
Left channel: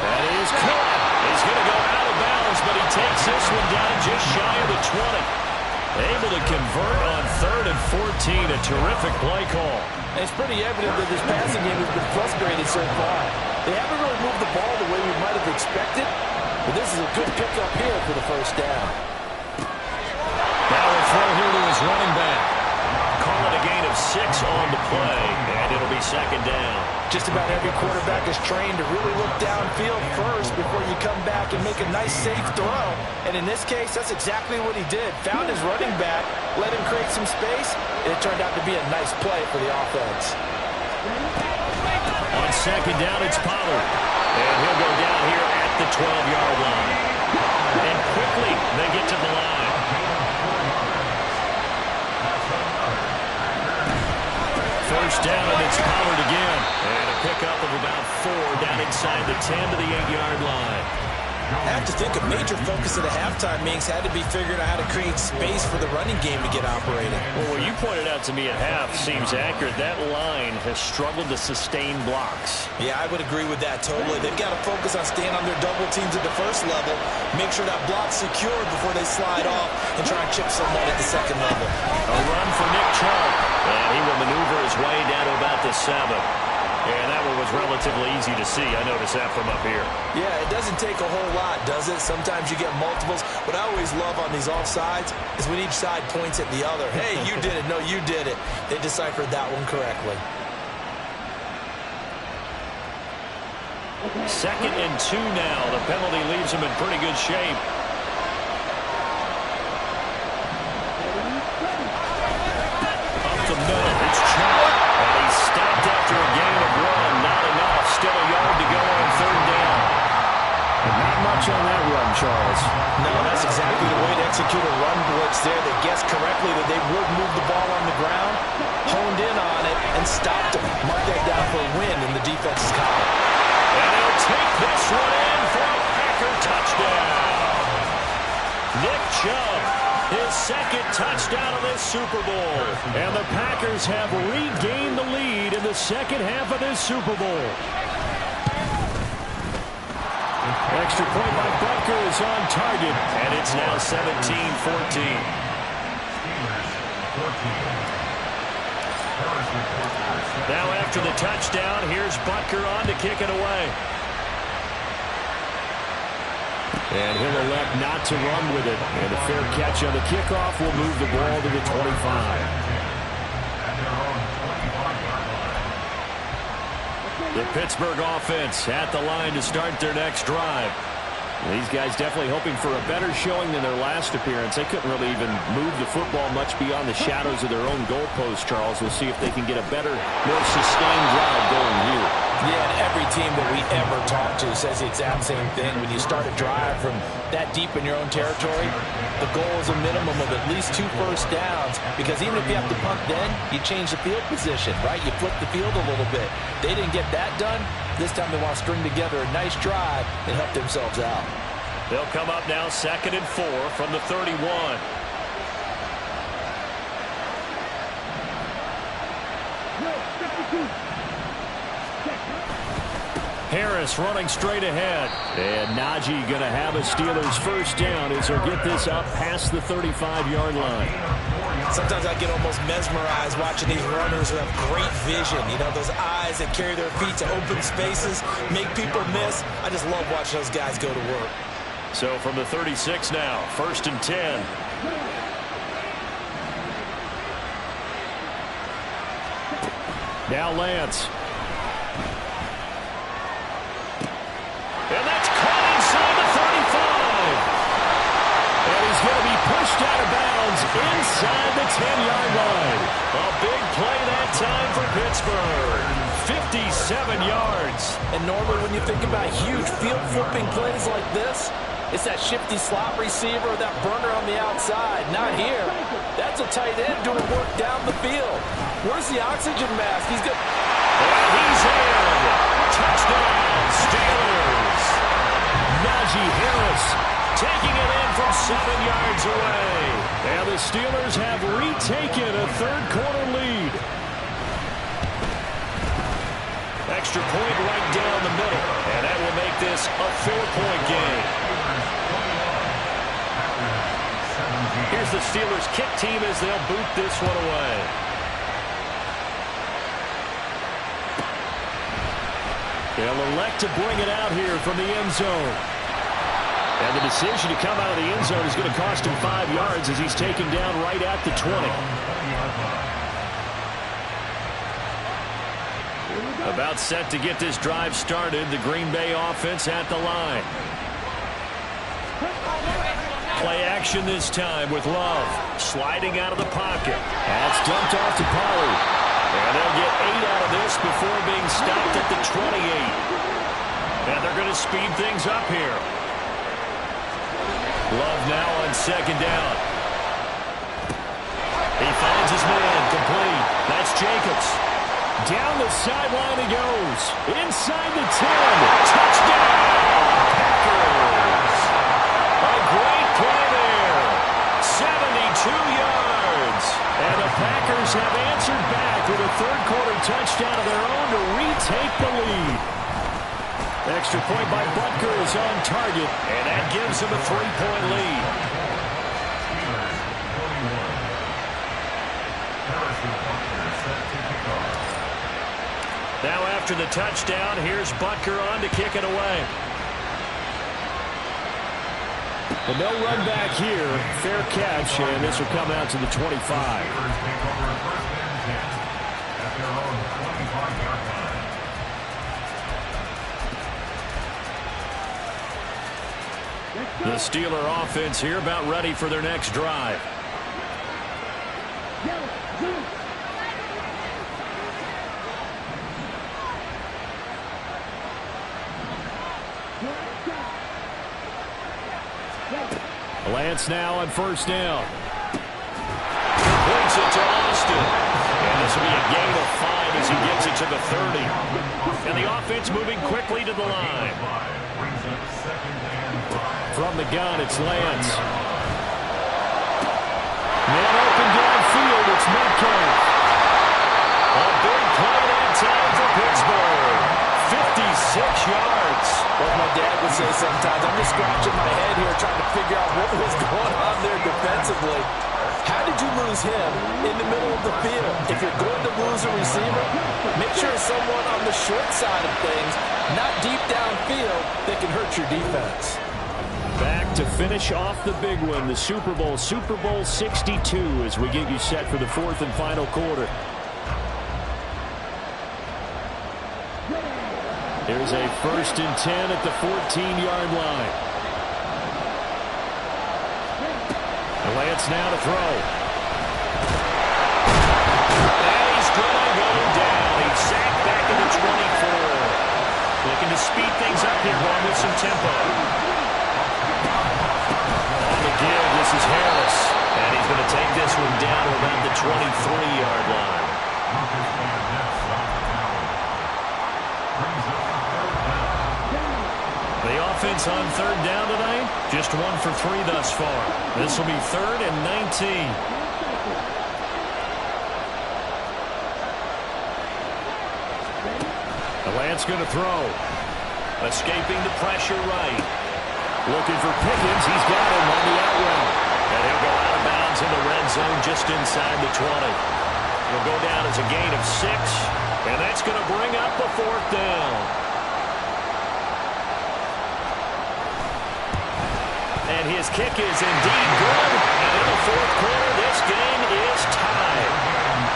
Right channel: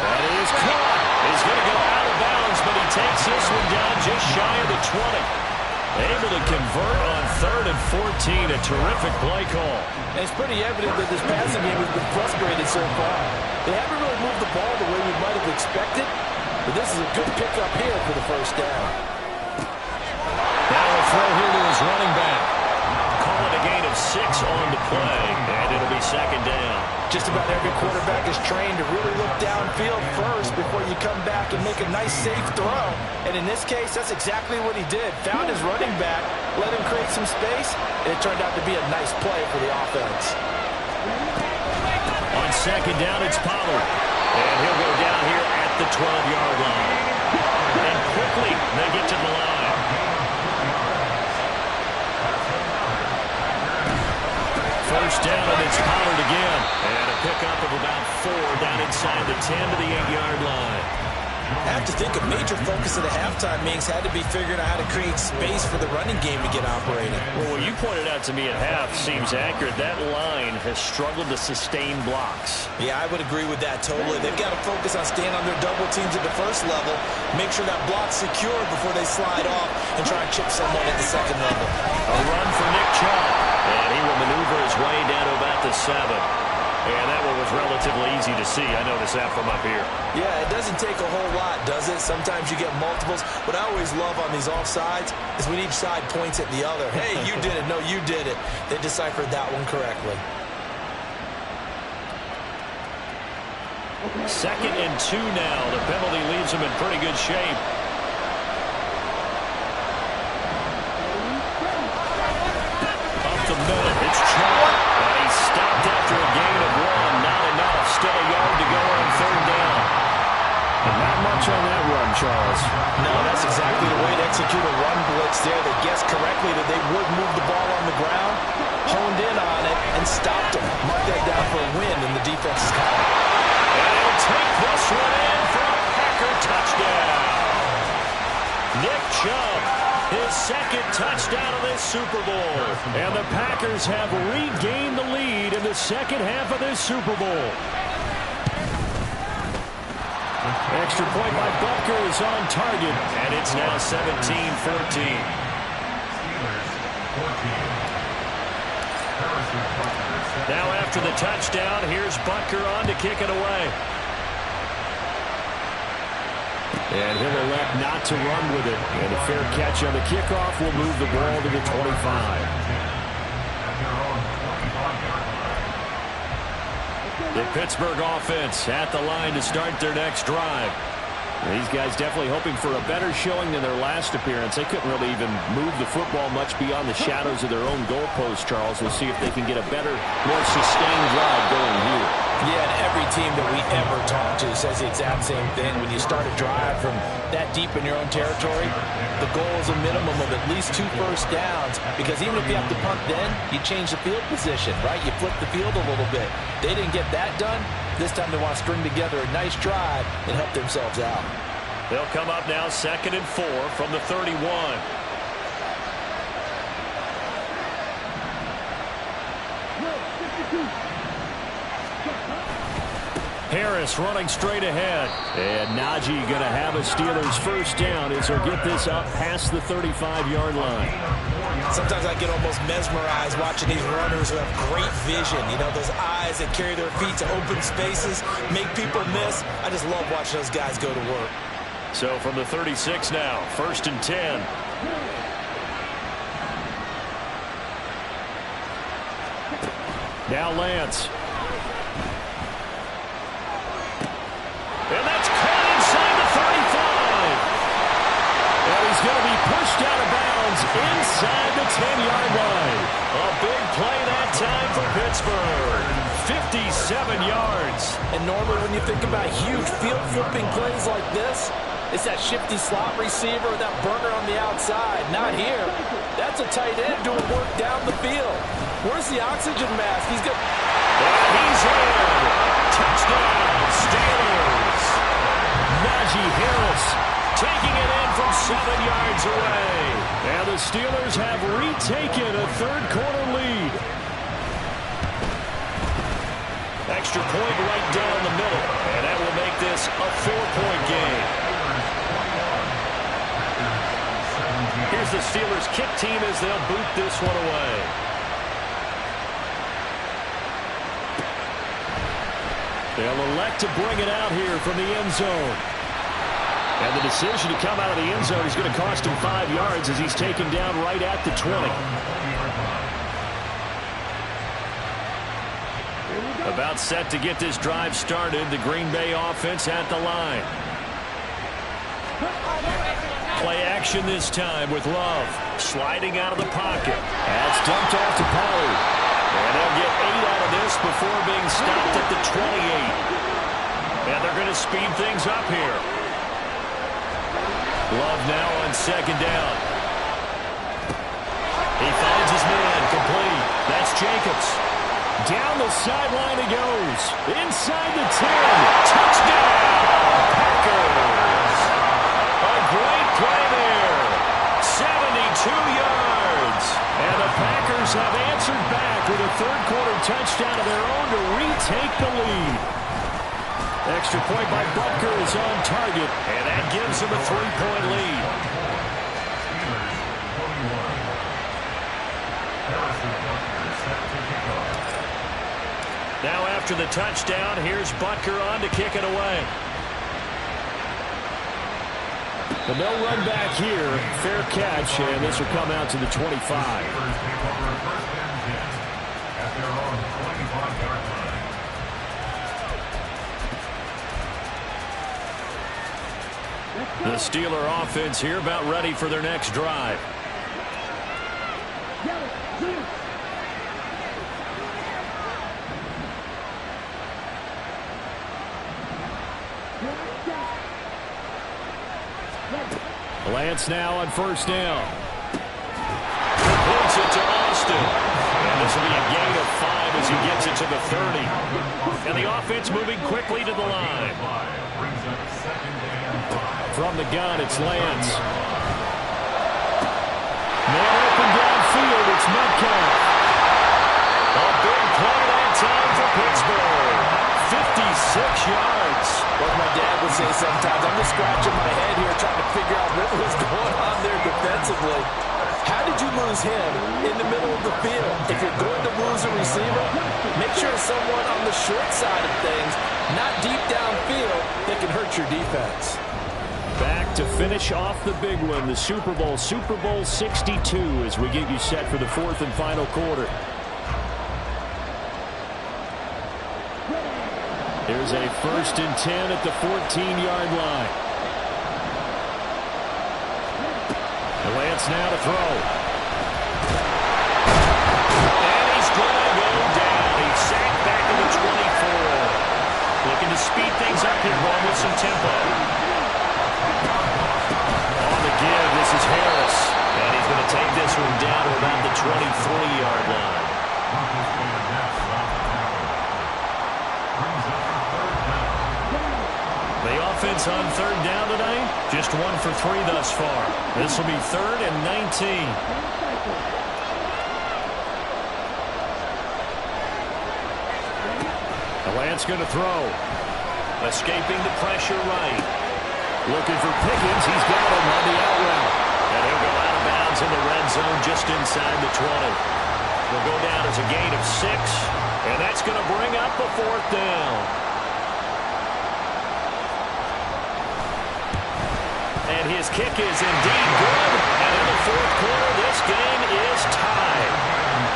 That is caught. He's going to go out of bounds, but he takes this one down just shy of the 20. Able to convert on 3rd and 14. A terrific play call. And it's pretty evident that this passing game has been frustrated so far. They haven't really moved the ball the way we might have expected. But this is a good pickup here for the first down. Now we'll throw here to his running back. Call it a gain of 6 on the play, and it'll be 2nd down. Just about every quarterback is trained to really look downfield first before you come back and make a nice, safe throw. And in this case, that's exactly what he did. Found his running back, let him create some space, and it turned out to be a nice play for the offense. On 2nd down, it's Pollard. And he'll go down here at the 12-yard line. And quickly, they get to the line. First down, and it's Pollard again. And a pickup of about 4 down inside the 10 to the 8-yard line. I have to think a major focus of the halftime meetings had to be figuring out how to create space for the running game to get operating. Well, what you pointed out to me at half seems accurate. That line has struggled to sustain blocks. Yeah, I would agree with that totally. They've got to focus on staying on their double teams at the first level, make sure that block's secured before they slide off and try and chip someone at the 2nd level. A run for Nick Chubb, and he will maneuver his way down to about the 7. And that one was relatively easy to see. I noticed that from up here. Yeah, it doesn't take a whole lot, does it? Sometimes you get multiples. What I always love on these offsides is when each side points at the other. Hey, you did it. No, you did it. They deciphered that one correctly. 2nd and 2 now. The penalty leaves them in pretty good shape. Up the middle, it's Chubb. And he's stopped after a gain of 1. Not enough. Still a yard to go on 3rd down. And not much on that run, Charles. No, that's exactly the way to execute a run blitz there. They guessed correctly that they would move the ball on the ground, honed in on it, and stopped them. Mark that down for a win in the defense's column. And he'll take this one in for a Packer touchdown. Nick Chubb, his 2nd touchdown of this Super Bowl. And the Packers have regained the lead in the 2nd half of this Super Bowl. Extra point by Butker is on target, and it's now 17-14. Steelers 14. Now after the touchdown, here's Butker on to kick it away. And he'll elect not to run with it. And a fair catch on the kickoff will move the ball to the 25. The Pittsburgh offense at the line to start their next drive. These guys definitely hoping for a better showing than their last appearance. They couldn't really even move the football much beyond the shadows of their own goalpost, Charles. We'll see if they can get a better, more sustained drive going here. Yeah, and every team that we ever talk to says the exact same thing. When you start a drive from that deep in your own territory, the goal is a minimum of at least 2 first downs, because even if you have to punt then, you change the field position, right? You flip the field a little bit. They didn't get that done. This time they want to string together a nice drive and help themselves out. They'll come up now 2nd and 4 from the 31. Harris running straight ahead. And Najee going to have a Steelers first down as he'll get this up past the 35-yard line. Sometimes I get almost mesmerized watching these runners who have great vision. You know, those eyes that carry their feet to open spaces, make people miss. I just love watching those guys go to work. So from the 36 now, 1st and 10. Now Lance. And that's caught inside the 35. And he's going to be pushed out of bounds inside the 10-yard line. A big play that time for Pittsburgh. 57 yards. And normally when you think about huge field flipping plays like this, it's that shifty slot receiver or that burner on the outside. Not here. That's a tight end doing work down the field. Where's the oxygen mask? He's good. And he's in. Touchdown, Steelers. Najee Harris taking it in from 7 yards away. And the Steelers have retaken a third-quarter lead. Extra point right down the middle. And that will make this a 4-point game. Here's the Steelers kick team as they'll boot this one away. They'll elect to bring it out here from the end zone. And the decision to come out of the end zone is going to cost him 5 yards as he's taken down right at the 20. About set to get this drive started. The Green Bay offense at the line. Play action this time with Love. Sliding out of the pocket. That's dumped off to Pollard. And they'll get 8 out of this before being stopped at the 28. And they're going to speed things up here. Love now on 2nd down. He finds his man, complete. That's Jacobs. Down the sideline he goes. Inside the 10. Touchdown, Packers. A great play there. 72 yards. And the Packers have answered back with a third-quarter touchdown of their own to retake the lead. Extra point by Butker is on target, and that gives him a 3-point lead. Steelers 21. Harrison Butker set to kick off. Now after the touchdown, here's Butker on to kick it away. The no run back here. Fair catch, and this will come out to the 25. Steelers take over 1st and 10 at their own 25-yard line. The Steeler offense here about ready for their next drive. Lance now on 1st down. Completes it to Austin. And this will be a gain of 5 as he gets it to the 30. And the offense moving quickly to the line. Brings up 2nd and 5. From the gun, it's Lance. Man open downfield, it's Metcalf. A big play that time for Pittsburgh. 56 yards. What my dad would say sometimes, I'm just scratching my head here trying to figure out what was going on there defensively. How did would you lose him in the middle of the field? If you're going to lose a receiver, make sure it's someone on the short side of things, not deep downfield, that can hurt your defense. Back to finish off the big one, the Super Bowl 62, as we get you set for the fourth and final quarter. Here's a 1st and 10 at the 14-yard line. And Lance now to throw. And he's going to go down. He's sacked back at the 24. Looking to speed things up here, going with some tempo. On the give, this is Harris. And he's going to take this one down to about the 23-yard line. The offense on 3rd down tonight, just 1 for 3 thus far. This will be 3rd and 19. The Lance going to throw. Escaping the pressure right. Looking for Pickens. He's got him on the out route. And he'll go out of bounds in the red zone just inside the 20. He'll go down as a gain of 6. And that's going to bring up the 4th down. And his kick is indeed good. And in the 4th quarter, this game is tied.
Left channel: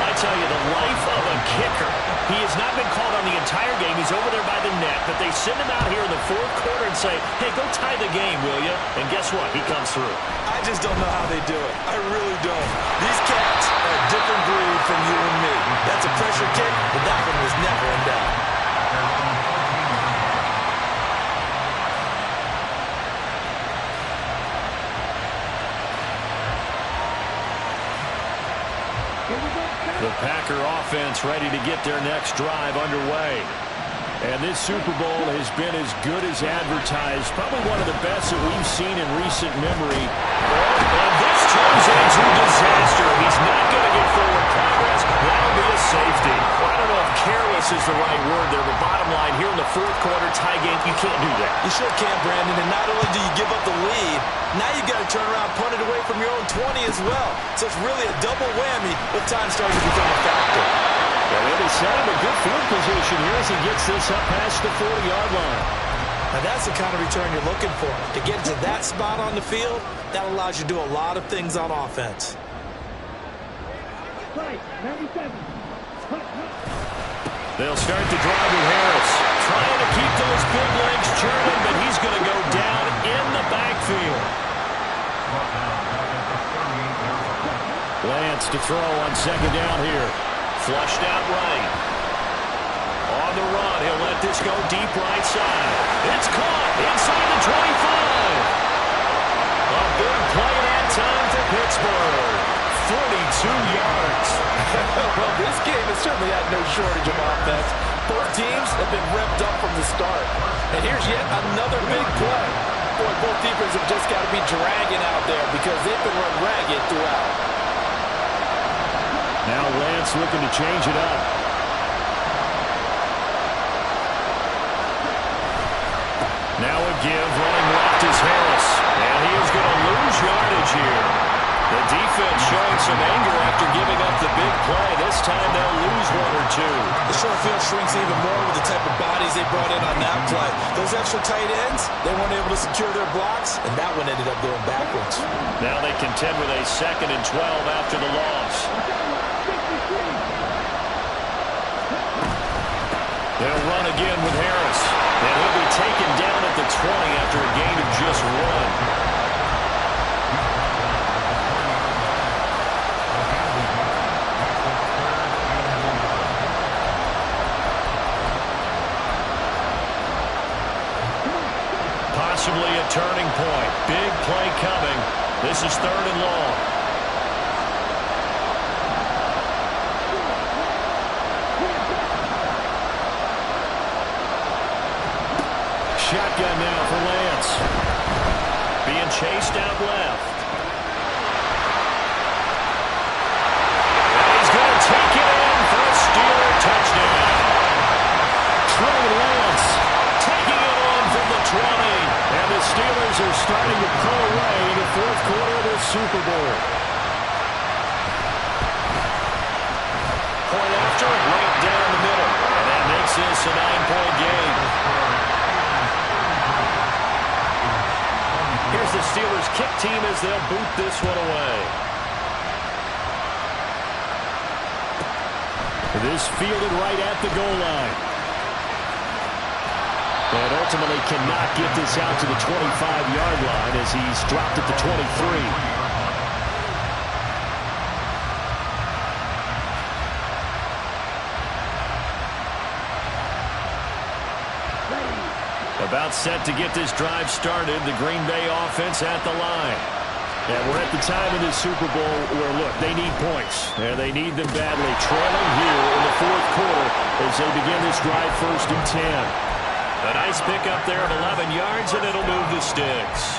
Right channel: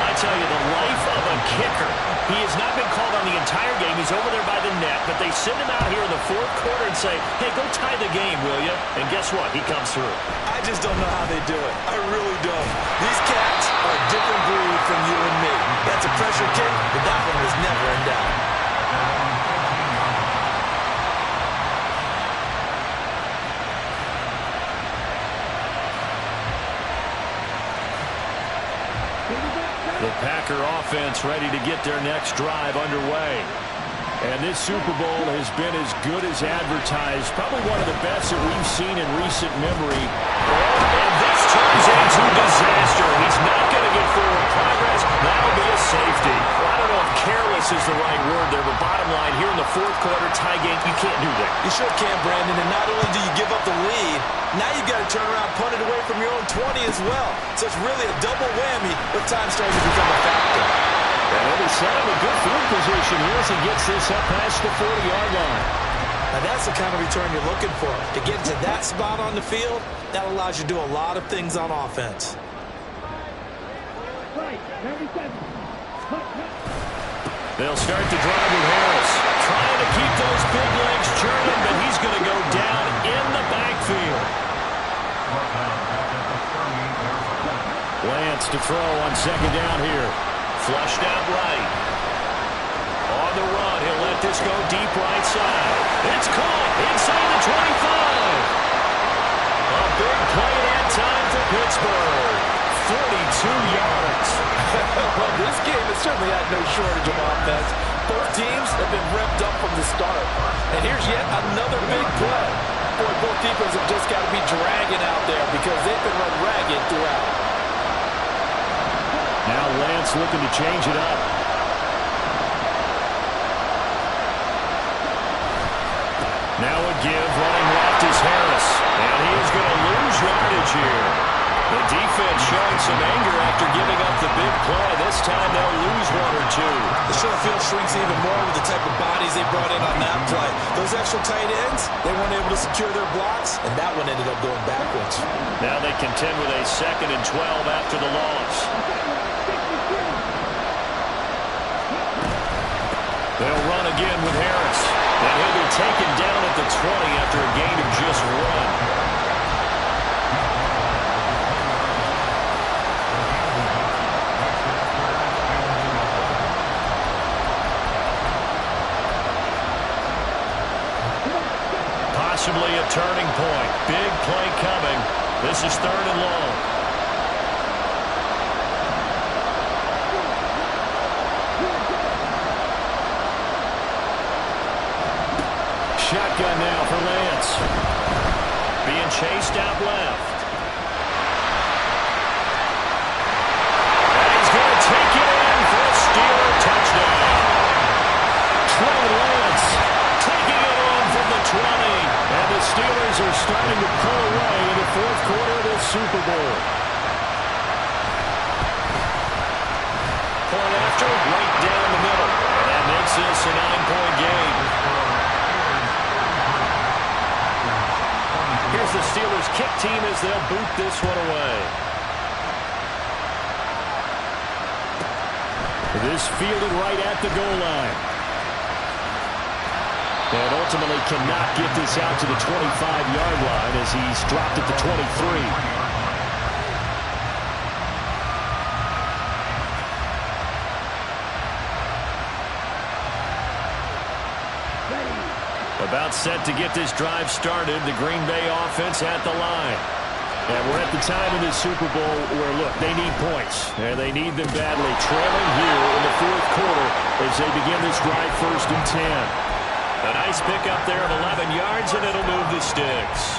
I tell you, the life of a kicker. He has not been called on the entire game. He's over there by the net. But they send him out here in the 4th quarter and say, hey, go tie the game, will you? And guess what? He comes through. I just don't know how they do it. I really don't. These cats are a different breed from you and me. That's a pressure kick, but that one was never in doubt. The Packer offense ready to get their next drive underway. And this Super Bowl has been as good as advertised. Probably one of the best that we've seen in recent memory. And this turns into disaster. He's not going to get forward progress. That'll be a safety. Well, I don't know if careless is the right word there, but bottom line, here in the 4th quarter tie game, you can't do that. You sure can, Brandon. And not only do you give up the lead, now you've got to turn around, punt it away from your own 20 as well. So it's really a double whammy with time starting to become a factor. And then they set him a good field position here as he gets this up past the 40-yard line. Now that's the kind of return you're looking for. To get to that spot on the field, that allows you to do a lot of things on offense. They'll start the drive with Harris. Trying to keep those big legs churning, but he's going to go down in the backfield. Lance to throw on 2nd down here. Flushed out right. On the run, he'll let this go deep right side. It's caught inside the 25. A big play that time for Pittsburgh. 42 yards. Well, this game has certainly had no shortage of offense. Both teams have been revved up from the start. And here's yet another big play. Boy, both defenses have just got to be dragging out there because they've been run ragged throughout. Now Lance looking to change it up. Now a give, running left is Harris. And he is going to lose yardage here. The defense showing some anger after giving up the big play. This time they'll lose 1 or 2. The short field shrinks even more with the type of bodies they brought in on that play. Those extra tight ends, they weren't able to secure their blocks, and that one ended up going backwards. Now they contend with a 2nd and 12 after the loss. They'll run again with Harris. And he'll be taken down at the 20 after a gain of just 1. Possibly a turning point. Big play coming. This is 3rd and long. Shotgun now for Lance. Being chased out left. And he's going to take it in for a Steeler touchdown. Trey Lance taking it on from the 20. And the Steelers are starting to pull away in the 4th quarter of this Super Bowl. point after, right down the middle. And that makes this a 9-point game. Here's the Steelers kick team as they'll boot this one away. This fielded right at the goal line. And ultimately cannot get this out to the 25-yard line as he's dropped at the 23. About set to get this drive started, the Green Bay offense at the line. And we're at the time in this Super Bowl where, look, they need points. And they need them badly. Trailing here in the fourth quarter as they begin this drive 1st and 10. A nice pickup there of 11 yards, and it'll move the sticks.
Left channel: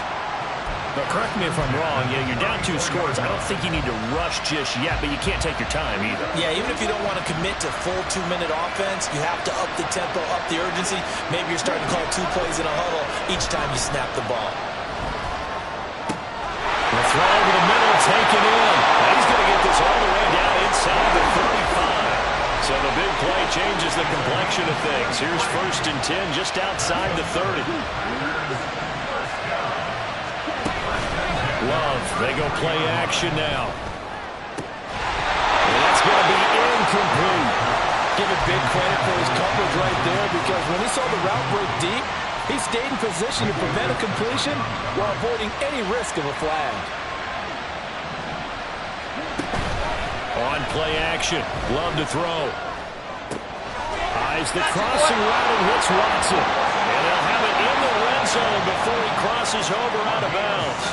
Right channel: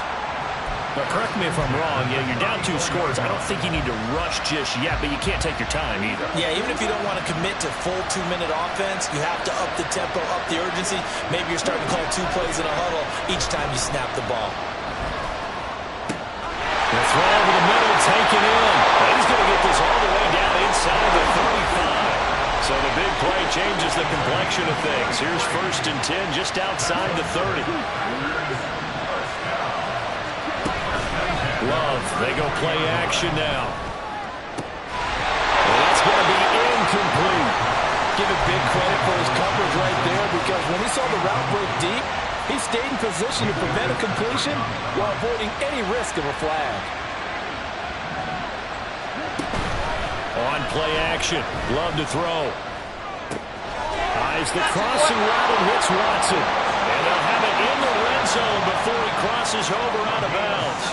Now, correct me if I'm wrong. Yeah, you're down 2 scores. I don't think you need to rush just yet, but you can't take your time either. Yeah, even if you don't want to commit to full 2-minute offense, you have to up the tempo, up the urgency. Maybe you're starting to call 2 plays in a huddle each time you snap the ball. The throw over the middle, taken in. And he's going to get this all the way down inside the 35. So the big play changes the complexion of things. Here's 1st and 10 just outside the 30. Love, they go play action now. And that's going to be incomplete. Give it big credit for his coverage right there, because when he saw the route break deep, he stayed in position to prevent a completion while avoiding any risk of a flag. On play action, Love to throw. Eyes the crossing route and hits Watson. And they'll have it in the red zone before he crosses over out of bounds.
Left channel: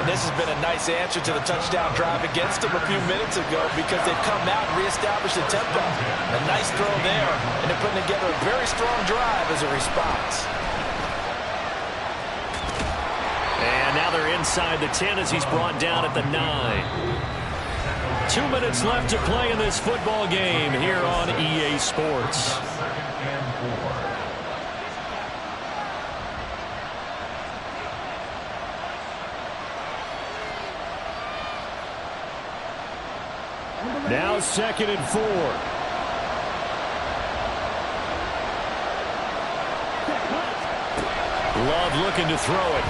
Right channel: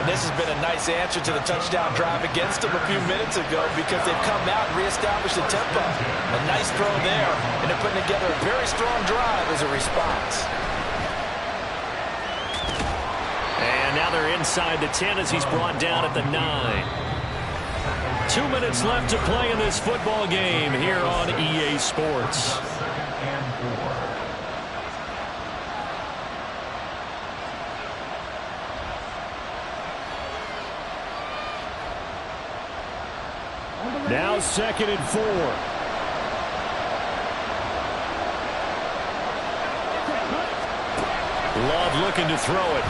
And this has been a nice answer to the touchdown drive against them a few minutes ago, because they've come out and reestablished the tempo. A nice throw there, and they're putting together a very strong drive as a response. And now they're inside the 10 as he's brought down at the 9. 2 minutes left to play in this football game here on EA Sports. 2nd and 4. Now 2nd and 4. Love looking to throw it.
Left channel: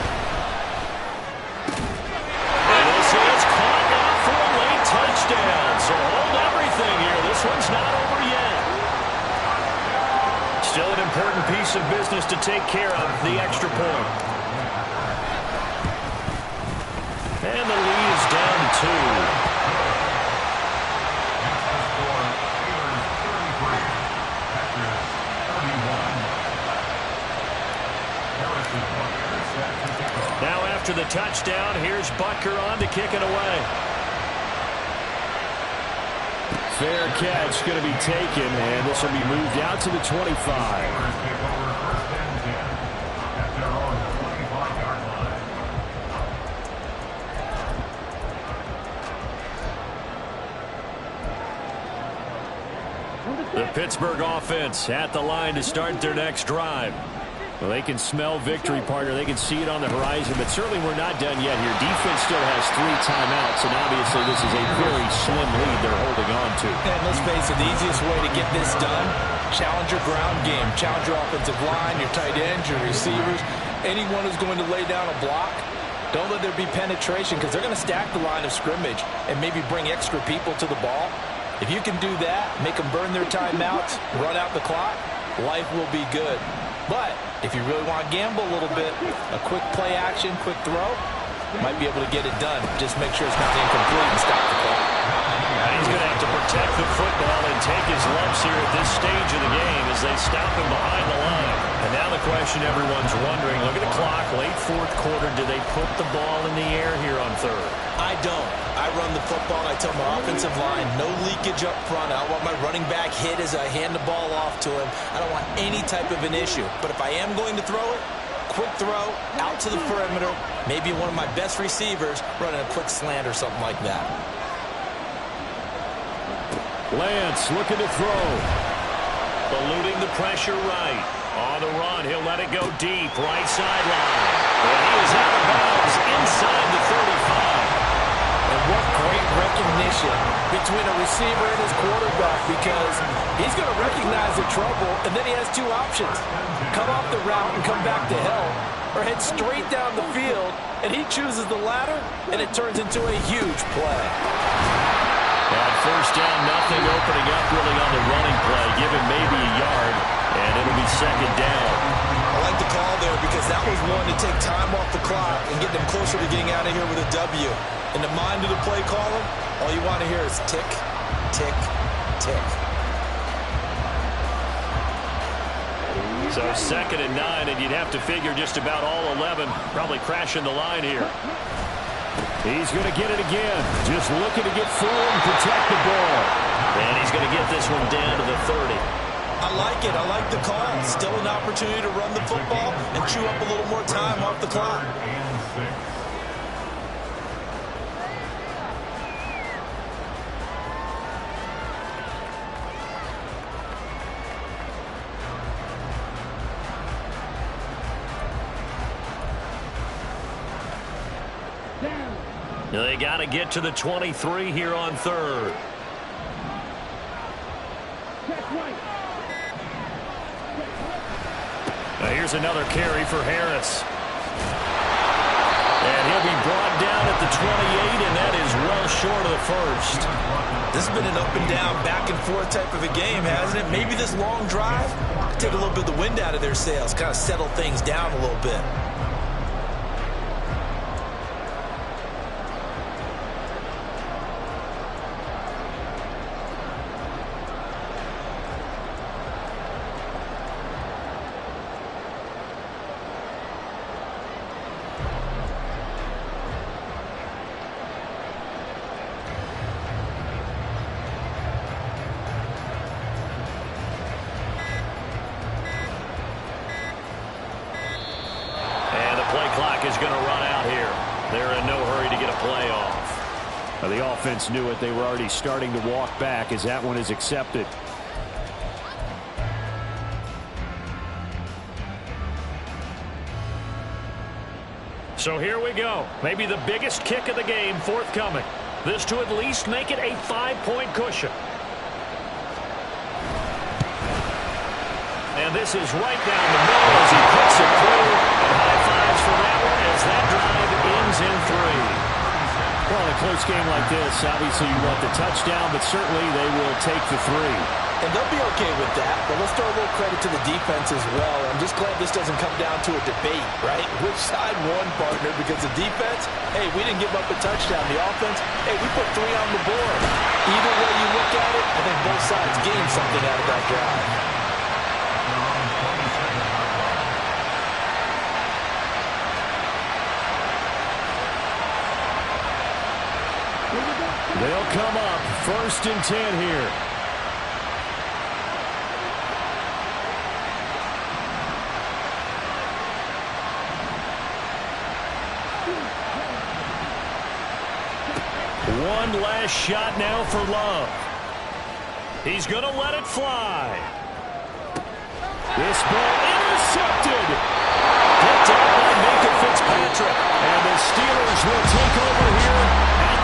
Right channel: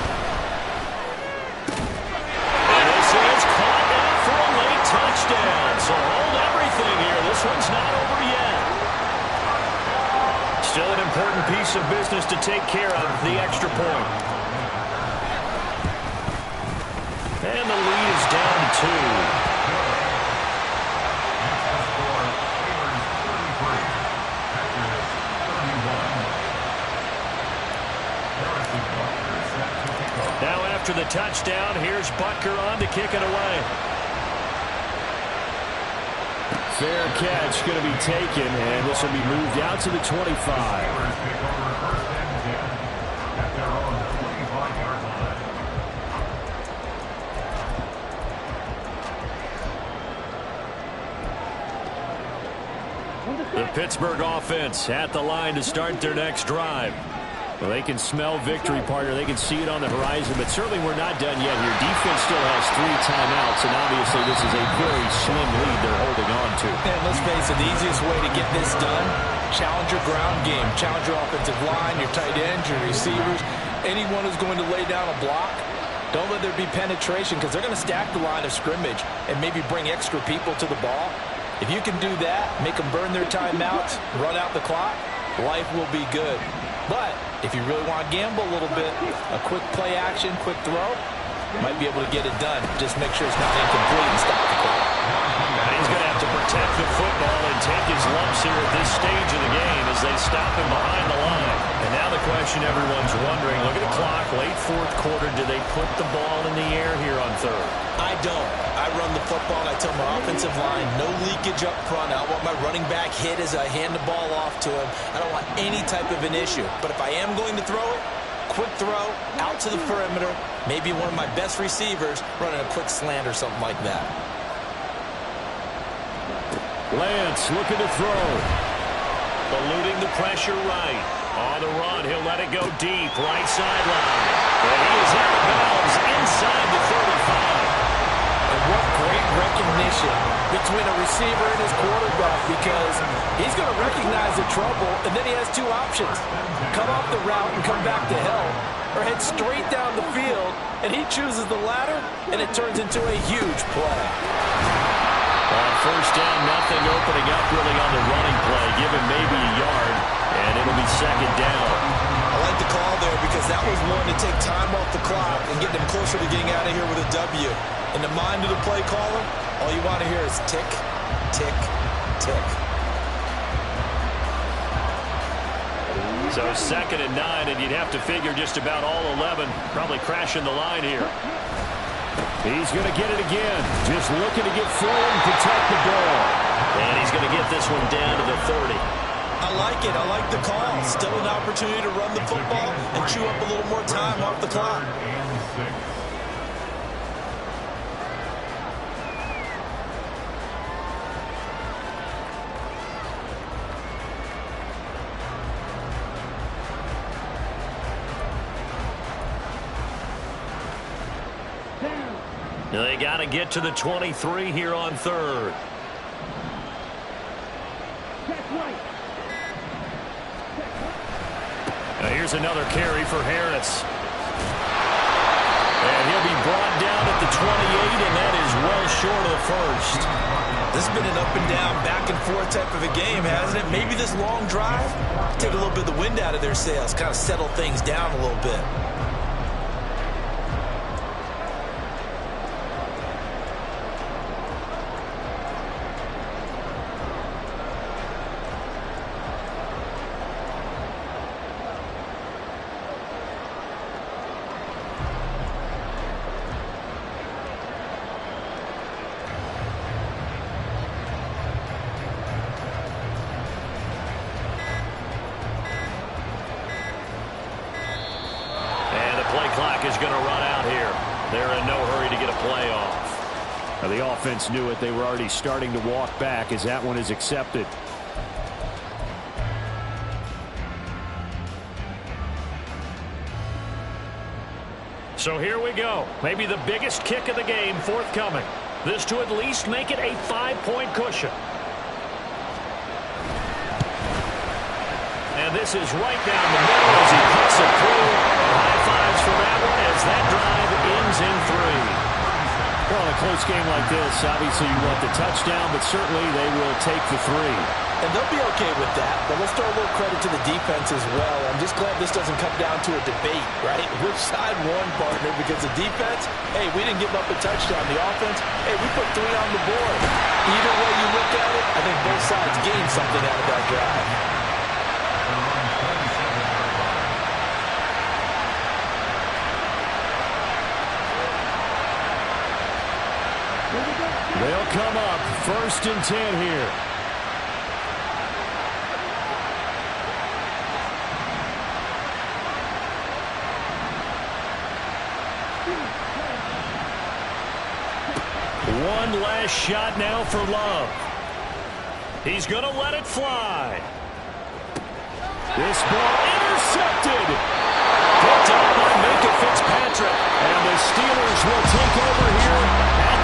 And this is caught now for a late touchdown. So hold everything here. This one's not over yet. Still an important piece of business to take care of, the extra point. And the lead is down to 2. Now after the touchdown, here's Butker on to kick it away. Fair catch going to be taken, and this will be moved out to the 25. The Pittsburgh offense at the line to start their next drive. Well, they can smell victory, partner. They can see it on the horizon, but certainly we're not done yet here. Defense still has 3 timeouts, and obviously this is a very slim lead they're holding on to. And let's face it, the easiest way to get this done, challenge your ground game. Challenge your offensive line, your tight ends, your receivers, anyone who's going to lay down a block. Don't let there be penetration, because they're going to stack the line of scrimmage and maybe bring extra people to the ball. If you can do that, make them burn their timeouts, run out the clock, life will be good. But if you really want to gamble a little bit, a quick play action, quick throw, might be able to get it done. Just make sure it's not incomplete and stop the clock. And he's going to have to protect the football and take his lumps here at this stage of the game as they stop him behind the line. And now the question everyone's wondering, look at the clock, late 4th quarter, do they put the ball in the air here on 3rd? I don't. I run the football, and I tell my offensive line, no leakage up front. I don't want my running back hit as I hand the ball off to him. I don't want any type of an issue. But if I am going to throw it, quick throw, out to the perimeter, maybe one of my best receivers running a quick slant or something like that. Lance looking to throw. Eluding the pressure right. On the run, he'll let it go deep, right sideline. And he is out of bounds inside the 35. And what great recognition between a receiver and his quarterback, because he's going to recognize the trouble, and then he has two options. Come off the route and come back to help, or head straight down the field, and he chooses the latter, and it turns into a huge play. On first down, nothing opening up really on the running play. Give him maybe a yard, and it'll be second down. I like the call there because that was one to take time off the clock and get them closer to getting out of here with a W. In the mind of the play caller, all you want to hear is tick, tick, tick. So 2nd and 9, and you'd have to figure just about all 11 probably crashing the line here. He's going to get it again. Just looking to get forward and protect the ball. And he's going to get this one down to the 30. I like it. I like the call. Still an opportunity to run the football and chew up a little more time off the clock. They got to get to the 23 here on 3rd. Now here's another carry for Harris. And he'll be brought down at the 28, and that is well short of the first. This has been an up and down, back and forth type of a game, hasn't it? Maybe this long drive take a little bit of the wind out of their sails, kind of settle things down a little bit. Play clock is going to run out here. They're in no hurry to get a play off. Now the offense knew it. They were already starting to walk back as that one is accepted. So here we go. Maybe the biggest kick of the game forthcoming. This to at least make it a 5-point cushion. And this is right down the middle as he puts it through. And high fives for that one as that drive ends in 3. Well, in a close game like this, obviously you want the touchdown, but certainly they will take the 3. And they'll be okay with that, but let's throw a little credit to the defense as well. I'm just glad this doesn't come down to a debate, right? Which side won, partner? Because the defense, hey, we didn't give up a touchdown. The offense, hey, we put 3 on the board. Either way you look at it, I think both sides gained something out of that drive. They'll come up 1st and 10 here. One last shot now for Love. He's going to let it fly. This ball intercepted. Picked up by Minka Fitzpatrick. And the Steelers will take over here at the